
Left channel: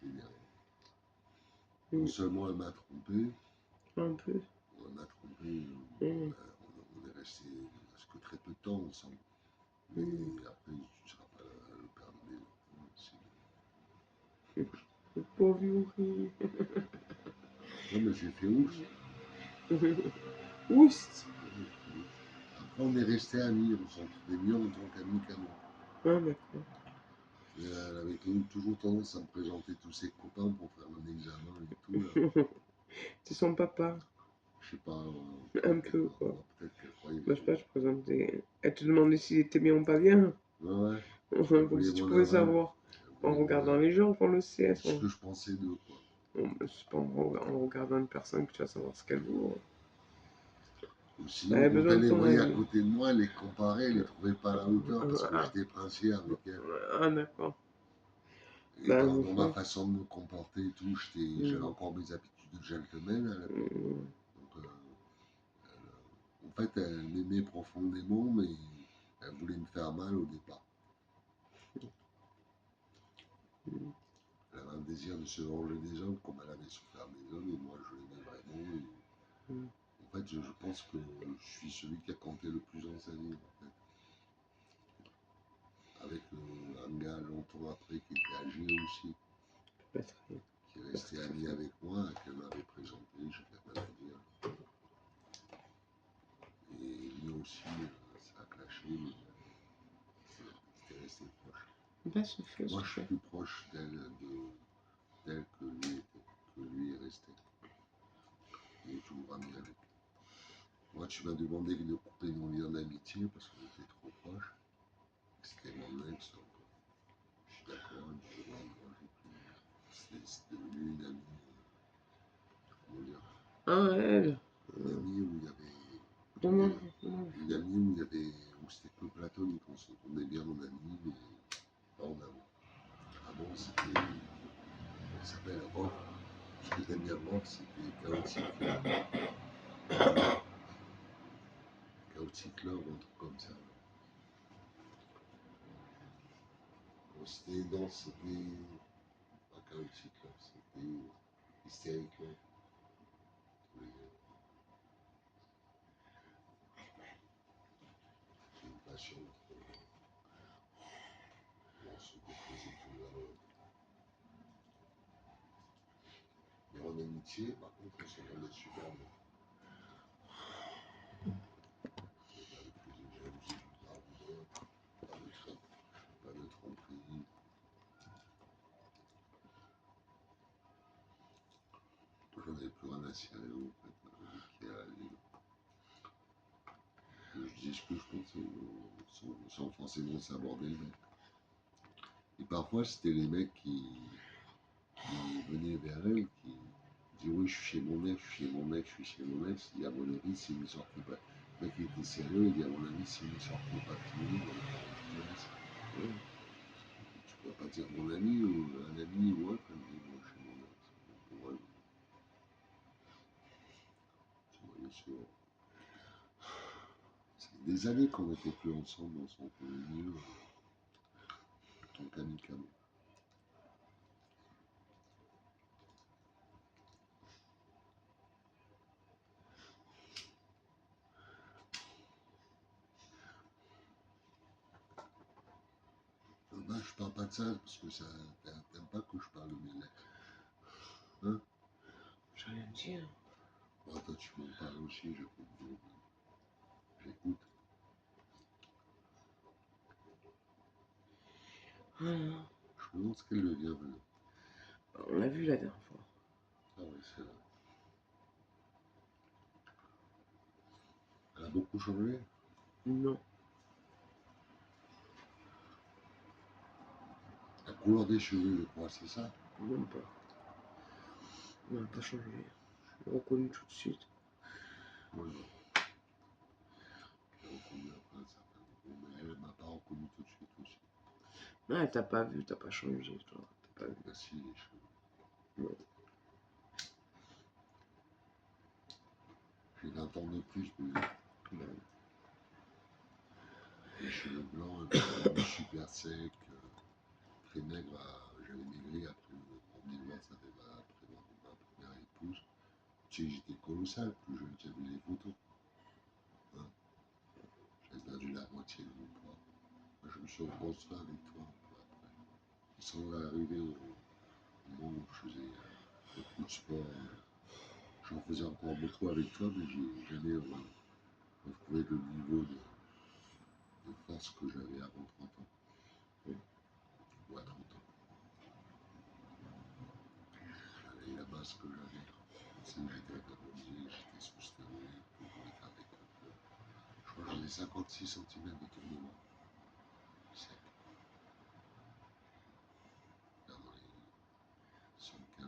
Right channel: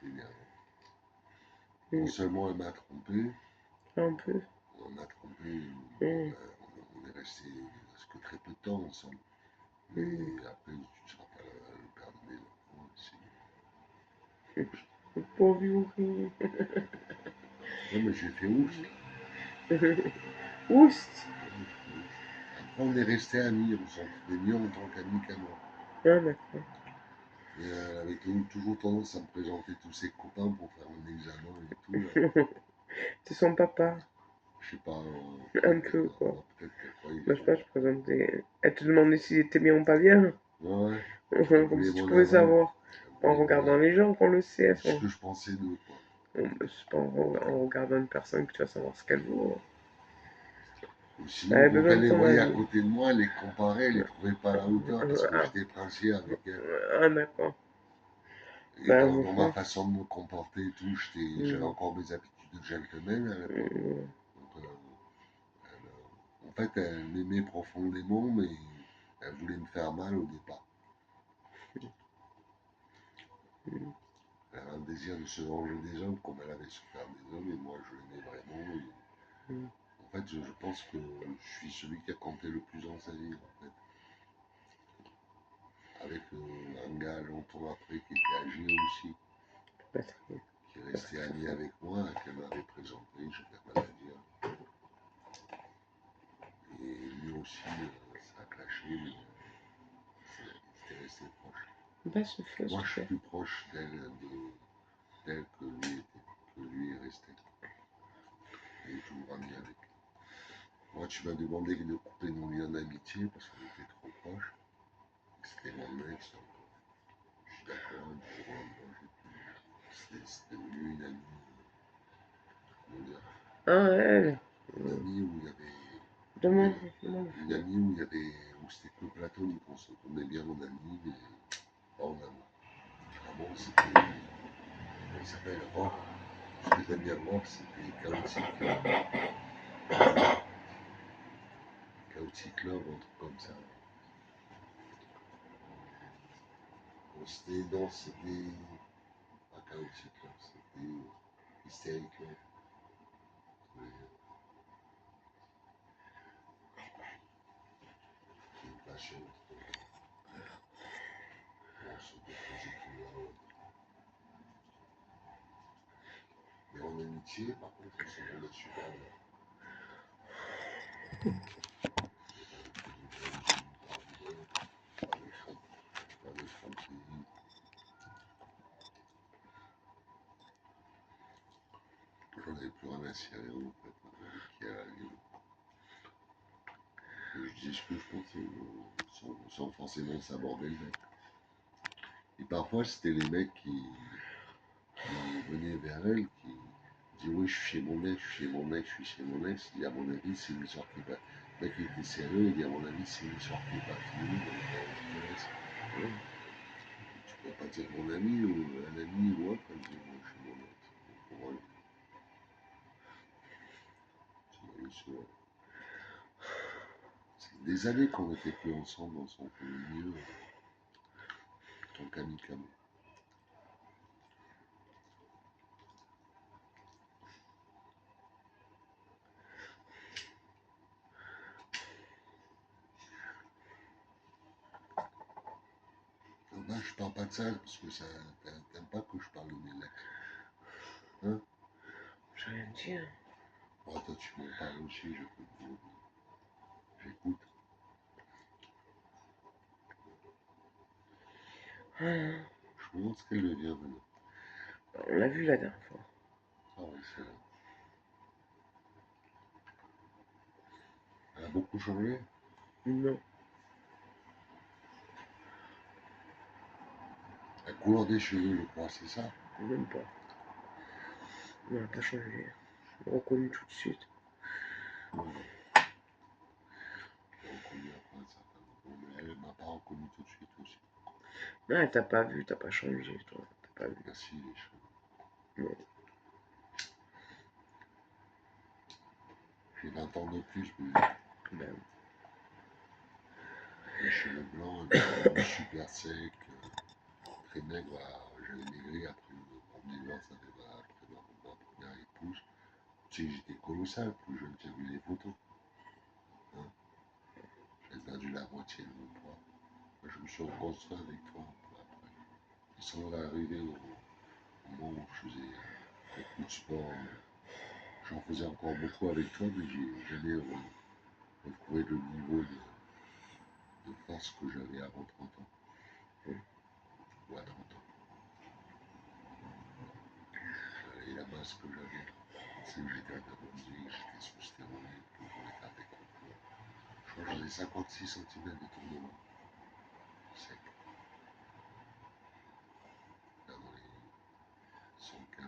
vénérienne. Non seulement elle m'a trompé, Un peu. on m'a trompé, Mm. on est resté presque très peu de temps ensemble. Mais après, tu ne seras pas le père de mes enfants. Le pauvre Yuri. Non, mais j'ai fait ouf. Oust. Après, on est resté amis, on s'entendait mieux en tant qu'amis qu'à moi. Ah, d'accord. Et elle avait toujours tendance à me présenter tous ses copains pour faire un examen et tout. Là. C'est son papa. Je sais pas, Un peu, quoi. peut-être qu'elle croyait Bah, que je sais pas, je présentais. Elle te demandait s'il était bien ou pas bien. ouais, elle Comme voulait si tu mon pouvais aval. savoir. Elle En voulait mon regardant aval. les gens qu'on le sait. Ce que je pensais d'eux, quoi. C'est pas en regardant une personne que tu vas savoir ce qu'elle vaut. Ou Elle sinon, a quand besoin elle de les ton voyait à avis. côté de moi, elle les comparait, elle les trouvait pas à la hauteur parce que Ah, j'étais princier avec elle. ah, d'accord. Et Bah, dans ma ouais. façon de me comporter et tout, j'avais encore mes habitudes de gentleman à l'époque. Donc, en fait, elle m'aimait profondément, mais elle voulait me faire mal au départ. Elle avait un désir de se venger des hommes comme elle avait souffert des hommes, et moi je l'aimais vraiment. Et, en fait, je pense que je suis celui qui a compté le plus dans sa vie, en fait. Avec un gars longtemps après qui était âgé aussi, qui est resté ami avec moi, qu'elle m'avait présenté, j'étais maladie. Et lui aussi, ça a clashé, mais il était resté proche. Bah, je fais, Moi, je suis plus proche d'elle que lui était, que lui est resté. Il est toujours ami avec. Moi, tu m'as demandé de couper nos liens d'amitié parce qu'on était trop proches. C'était mon ex, donc je suis d'accord, du jour au lendemain, c'est devenu une amie, comment dire, Ah, elle. une amie où il y avait, Demande. une amie où il y avait, où c'était que platonique, on s'entendait bien en ami, mais pas en amour. Avant, c'était, elle s'appelle Rock, ce que t'aimes bien Rock, c'était chaotique. Chaotic Love, un truc comme ça. Bon, c'était, non, c'était pas Chaotic Love, c'était Hysteric Love. C'est une passion on se déposer tout là. Mais en amitié, par contre, on s'entendait super bien. Pas de tromperie. J'en avais plus rien à cirer en fait, je dis ce que je pense sans forcément s'aborder le mec. Et parfois c'était les mecs qui venaient vers elle, qui disaient oui je suis chez mon ex, je suis chez mon ex, je suis chez mon ex. Il dit à mon avis c'est une histoire qui va. Le mec il était sérieux, il dit à mon avis c'est une histoire qui va finir, donc je te laisse. Tu peux pas dire mon ami ou un ami ou autre, elle dit moi je suis mon ex. Pour moi, c'est une histoire. C'est des années qu'on n'était plus ensemble, on s'en connaît mieux en tant qu'amis qu'amis. Ben, je parle pas de ça parce que ça t'aimes pas que je parle de mes ex. Hein? Je rien dire. Bon, toi tu m'en parles aussi, je peux te dire. J'écoute. Voilà. Je me demande ce qu'elle devient maintenant. On l'a vu la dernière fois. Ah oui, c'est là. a beaucoup changé. Non, La couleur des cheveux, je crois, c'est ça. même pas. Non, elle n'a pas changé. Je l'ai reconnu tout de suite. Ouais. J'ai reconnu après un certain moment, mais elle m'a pas reconnu tout de suite aussi. Non, elle t'a pas vu, t'as pas changé, toi. T'as pas vu. Merci les cheveux. Non. J'ai 20 ans de plus, mais Ben, les cheveux blancs, un peu super secs, très maigre. J'avais maigri après mon divorce avec ma première épouse. Tu sais, j'étais colossal, plus jeune, tu as vu les photos. Hein, j'avais perdu la moitié de mon poids. Moi, je me suis reconstruit avec toi un peu après. Et sans arriver au moment où je faisais beaucoup de sport, j'en faisais encore beaucoup avec toi, mais j'ai jamais retrouvé le niveau de force que j'avais avant 30 ans. Ou à 30 ans. Et la masse que j'avais, c'est que j'étais anabolique, j'étais sous stéroïde, que je voulais faire des concours. Je crois que j'avais 56 cm d'étournement. Sec. Là, dans les 115,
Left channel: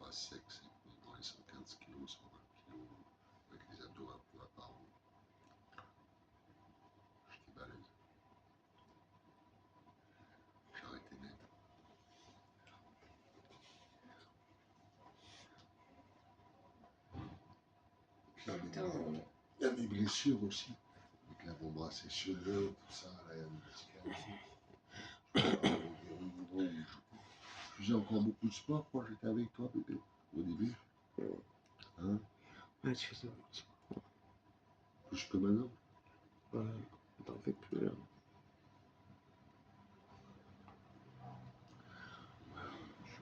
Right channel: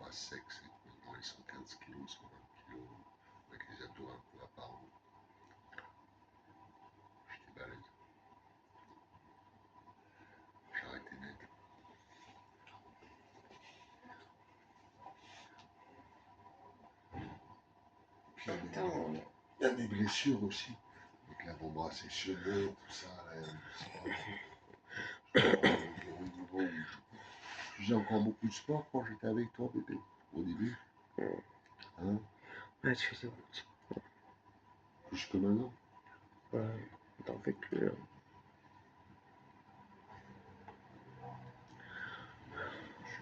pas sec, mais dans les 115 kg, 120 kg, avec les abdos un peu apparents. J'étais balèze. J'ai arrêté net. Puis il y a des blessures aussi. Avec l'avant-bras sectionné, tout ça, là, je au niveau où je faisais encore beaucoup de sport quand j'étais avec toi, bébé, au début. Hein? ouais, tu faisais beaucoup de sport. Plus que maintenant. Ouais, t'en fais plus, hein.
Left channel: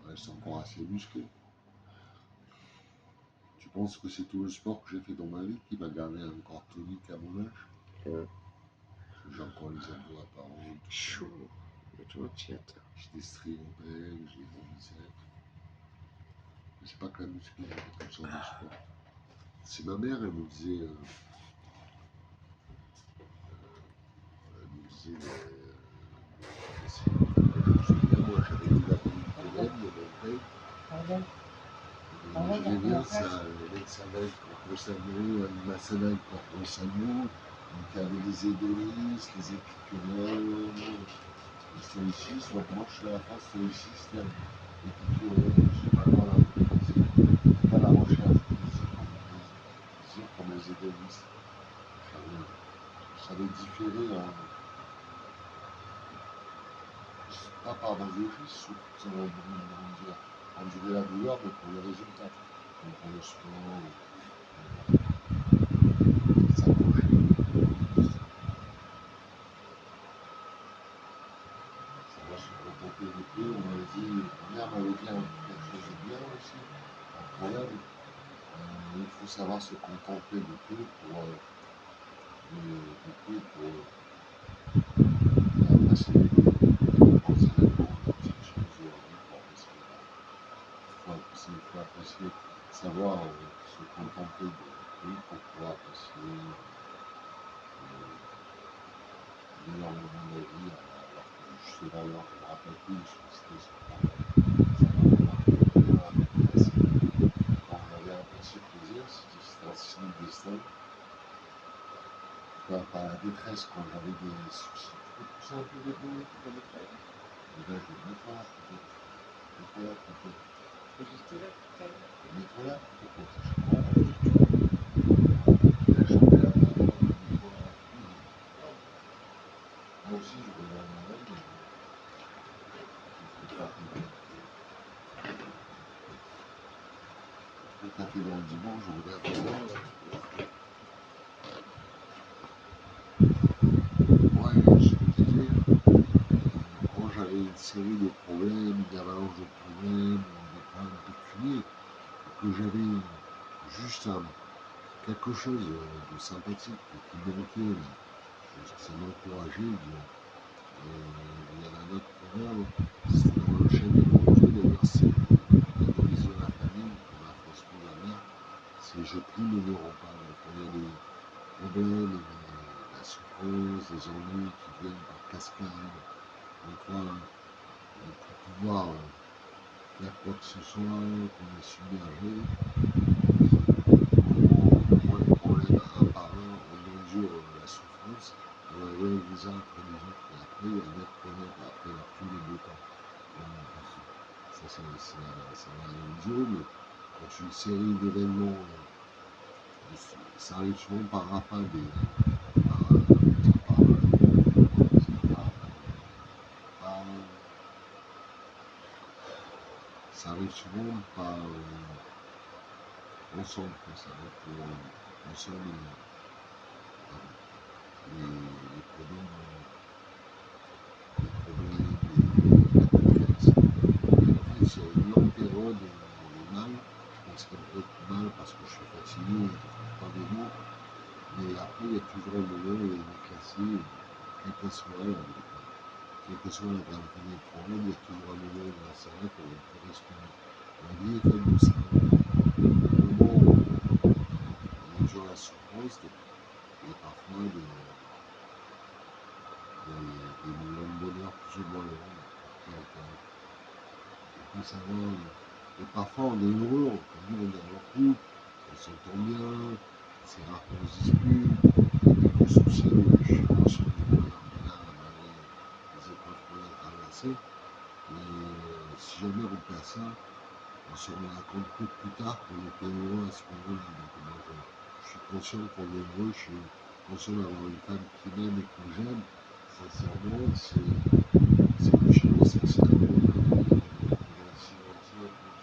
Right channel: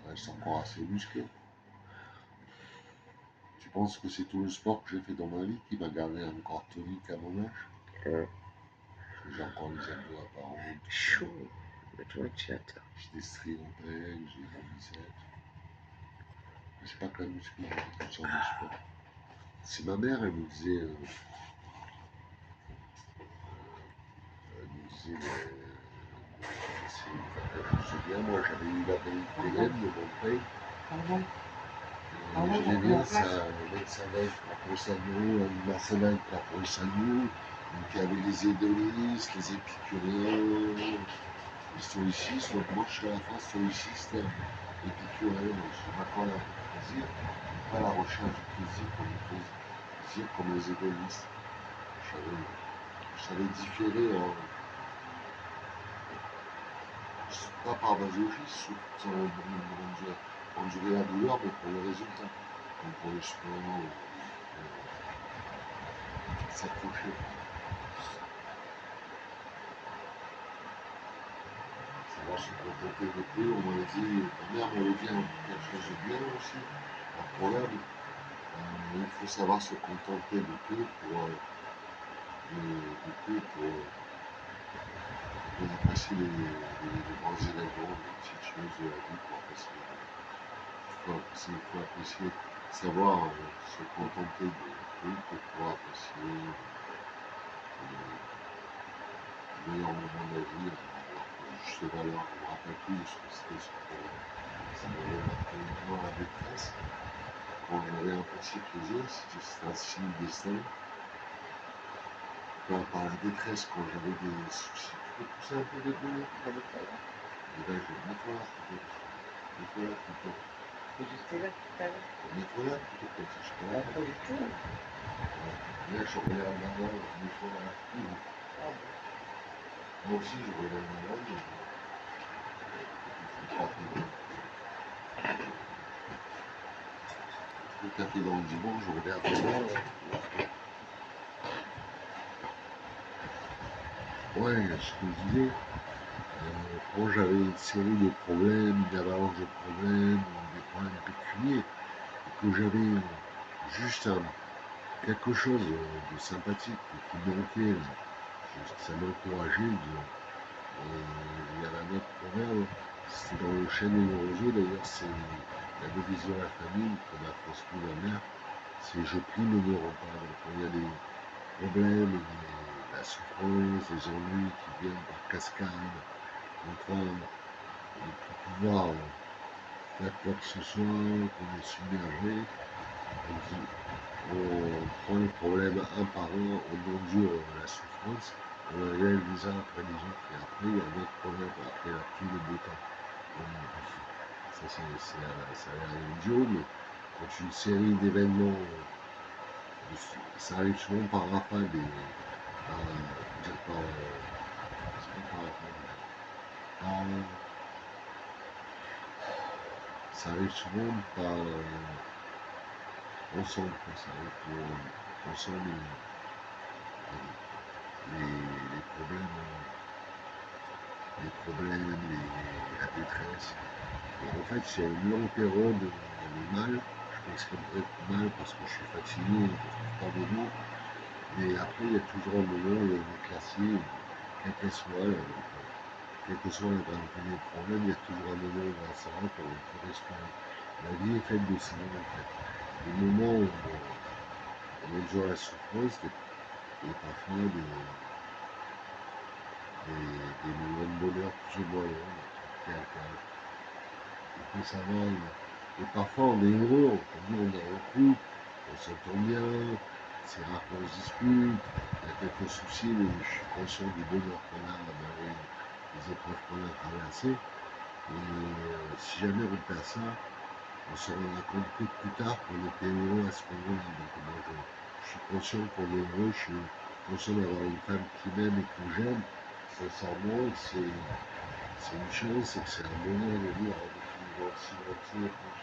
Je reste encore assez musclé. Tu penses que c'est tout le sport que j'ai fait dans ma vie qui m'a gardé encore tonique à mon âge? Ouais. J'ai encore les abdos apparents. Chaud. Mais tu vois, tu attends. J'ai des stries en pec, j'ai des biceps. Mais c'est pas que la muscu, j'ai toutes sortes de sport. C'est ma mère, elle me disait, je me souviens, moi j'avais eu la belle de mon père. Pardon. J'aimais bien ça, le mec Savaille, Corpo Sano, Anima Savaille, Corpo Sano, qui avait les hédonistes, les épicuriens, les stoïcistes. Donc moi je suis à la fin stoïciste, épicurien, je suis pas dans la plaisir, pas la recherche du plaisir comme les hédonistes. Je savais différer en. Pas par masochisme, sans endurer la douleur, mais pour le résultat. Donc pour le sport, s'approcher. Savoir se contenter de peu, on m'avait dit, ma mère m'avait dit quelque chose de bien aussi, un problème. Il faut savoir se contenter de peu pour apprécier les grands événements, les petites choses de la vie, pour apprécier. Il faut apprécier, savoir se contenter de peu pour pouvoir apprécier le meilleur moment de la vie, avoir juste valeur. Je ne me rappelle plus de ce que c'était ce moment. Dans la maîtresse, quand j'avais un petit plaisir, c'était un signe destin. Par la détresse, quand j'avais des soucis. Tu peux pousser un peu les boulettes pour mettre là? Et bien, je vais mettre là plutôt. Mets-toi là plutôt. Et j'étais là tout à l'heure. Mets-toi là plutôt comme ça, je Pas comprends. trop du tout. La jambe est là maintenant, mets-toi là. Ah bon. Moi aussi, j'aurais la main là, mais je vais taper dans le dimanche, je regarde ça. Ouais, je te disais, quand j'avais une série de problèmes, une avalanche de problèmes, des problèmes pécuniaires, que j'avais juste quelque chose de sympathique qui manquait, ça m'encourageait. Il y avait un autre proverbe, c'est dans le chêne et le roseau, d'ailleurs, c'est la devise de la famille, comme a transmis ma mère, c'est je plie mais ne rends pas. Donc, quand il y a problèmes, la souffrance, les ennuis qui viennent par cascade. On croit ne plus pouvoir faire quoi que ce soit, qu'on est submergé. On prend les problèmes un par un, on endure la souffrance, on les lève les uns après les autres, et après il y a un autre problème, après la pluie, le beau temps. Ça a l'air idiot, mais quand une série d'événements, ça arrive souvent par rafale, ça arrive souvent par ensemble, ça arrive ensemble les problèmes, la détresse. En fait, il y a une longue période de mal, je m'exprimerai mal parce que je suis fatigué et que je ne trouve pas de mots, mais après, il y a toujours un moment où il y a une éclaircie, quel que soit la gravité des problèmes, il y a toujours un moment où ça va, on peut respirer. La vie est faite de ça. Au moment où on endure la souffrance, il y a parfois des moments de bonheur plus ou moins longs qui alternent. Il faut savoir, et parfois on est heureux, on est en couple, on s'entend bien, c'est rare qu'on se dispute, il y a quelques soucis, mais je suis conscient du bonheur qu'on a malgré les épreuves qu'on a traversées. Et si jamais on perd ça, on se rendra compte que plus tard qu'on était heureux à ce moment-là. Donc moi je suis conscient qu'on est heureux, je suis conscient d'avoir une femme qui m'aime et que j'aime. Sincèrement, c'est une chance, c'est un bonheur de dire dans si longtemps.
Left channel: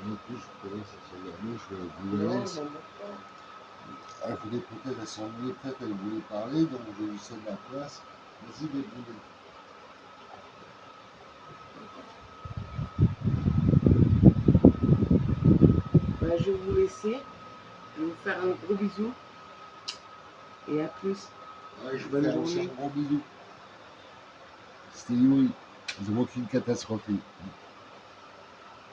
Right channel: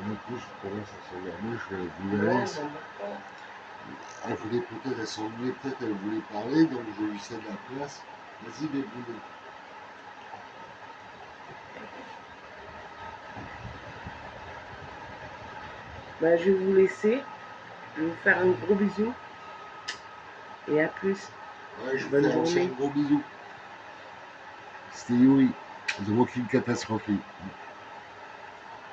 Du coup, je commence à s'endormir, je vais vous la laisse. Elle voulait peut-être, elle s'ennuyait, peut-être elle voulait parler, donc je lui cède la place. Vas-y, débrouille. Bah, je vais vous laisser. Je vais vous faire un gros bisou. Et à plus. Ouais, je Bonne vous fais aussi journée. un gros bisou. C'était Yuri, The Walking Catastrophe.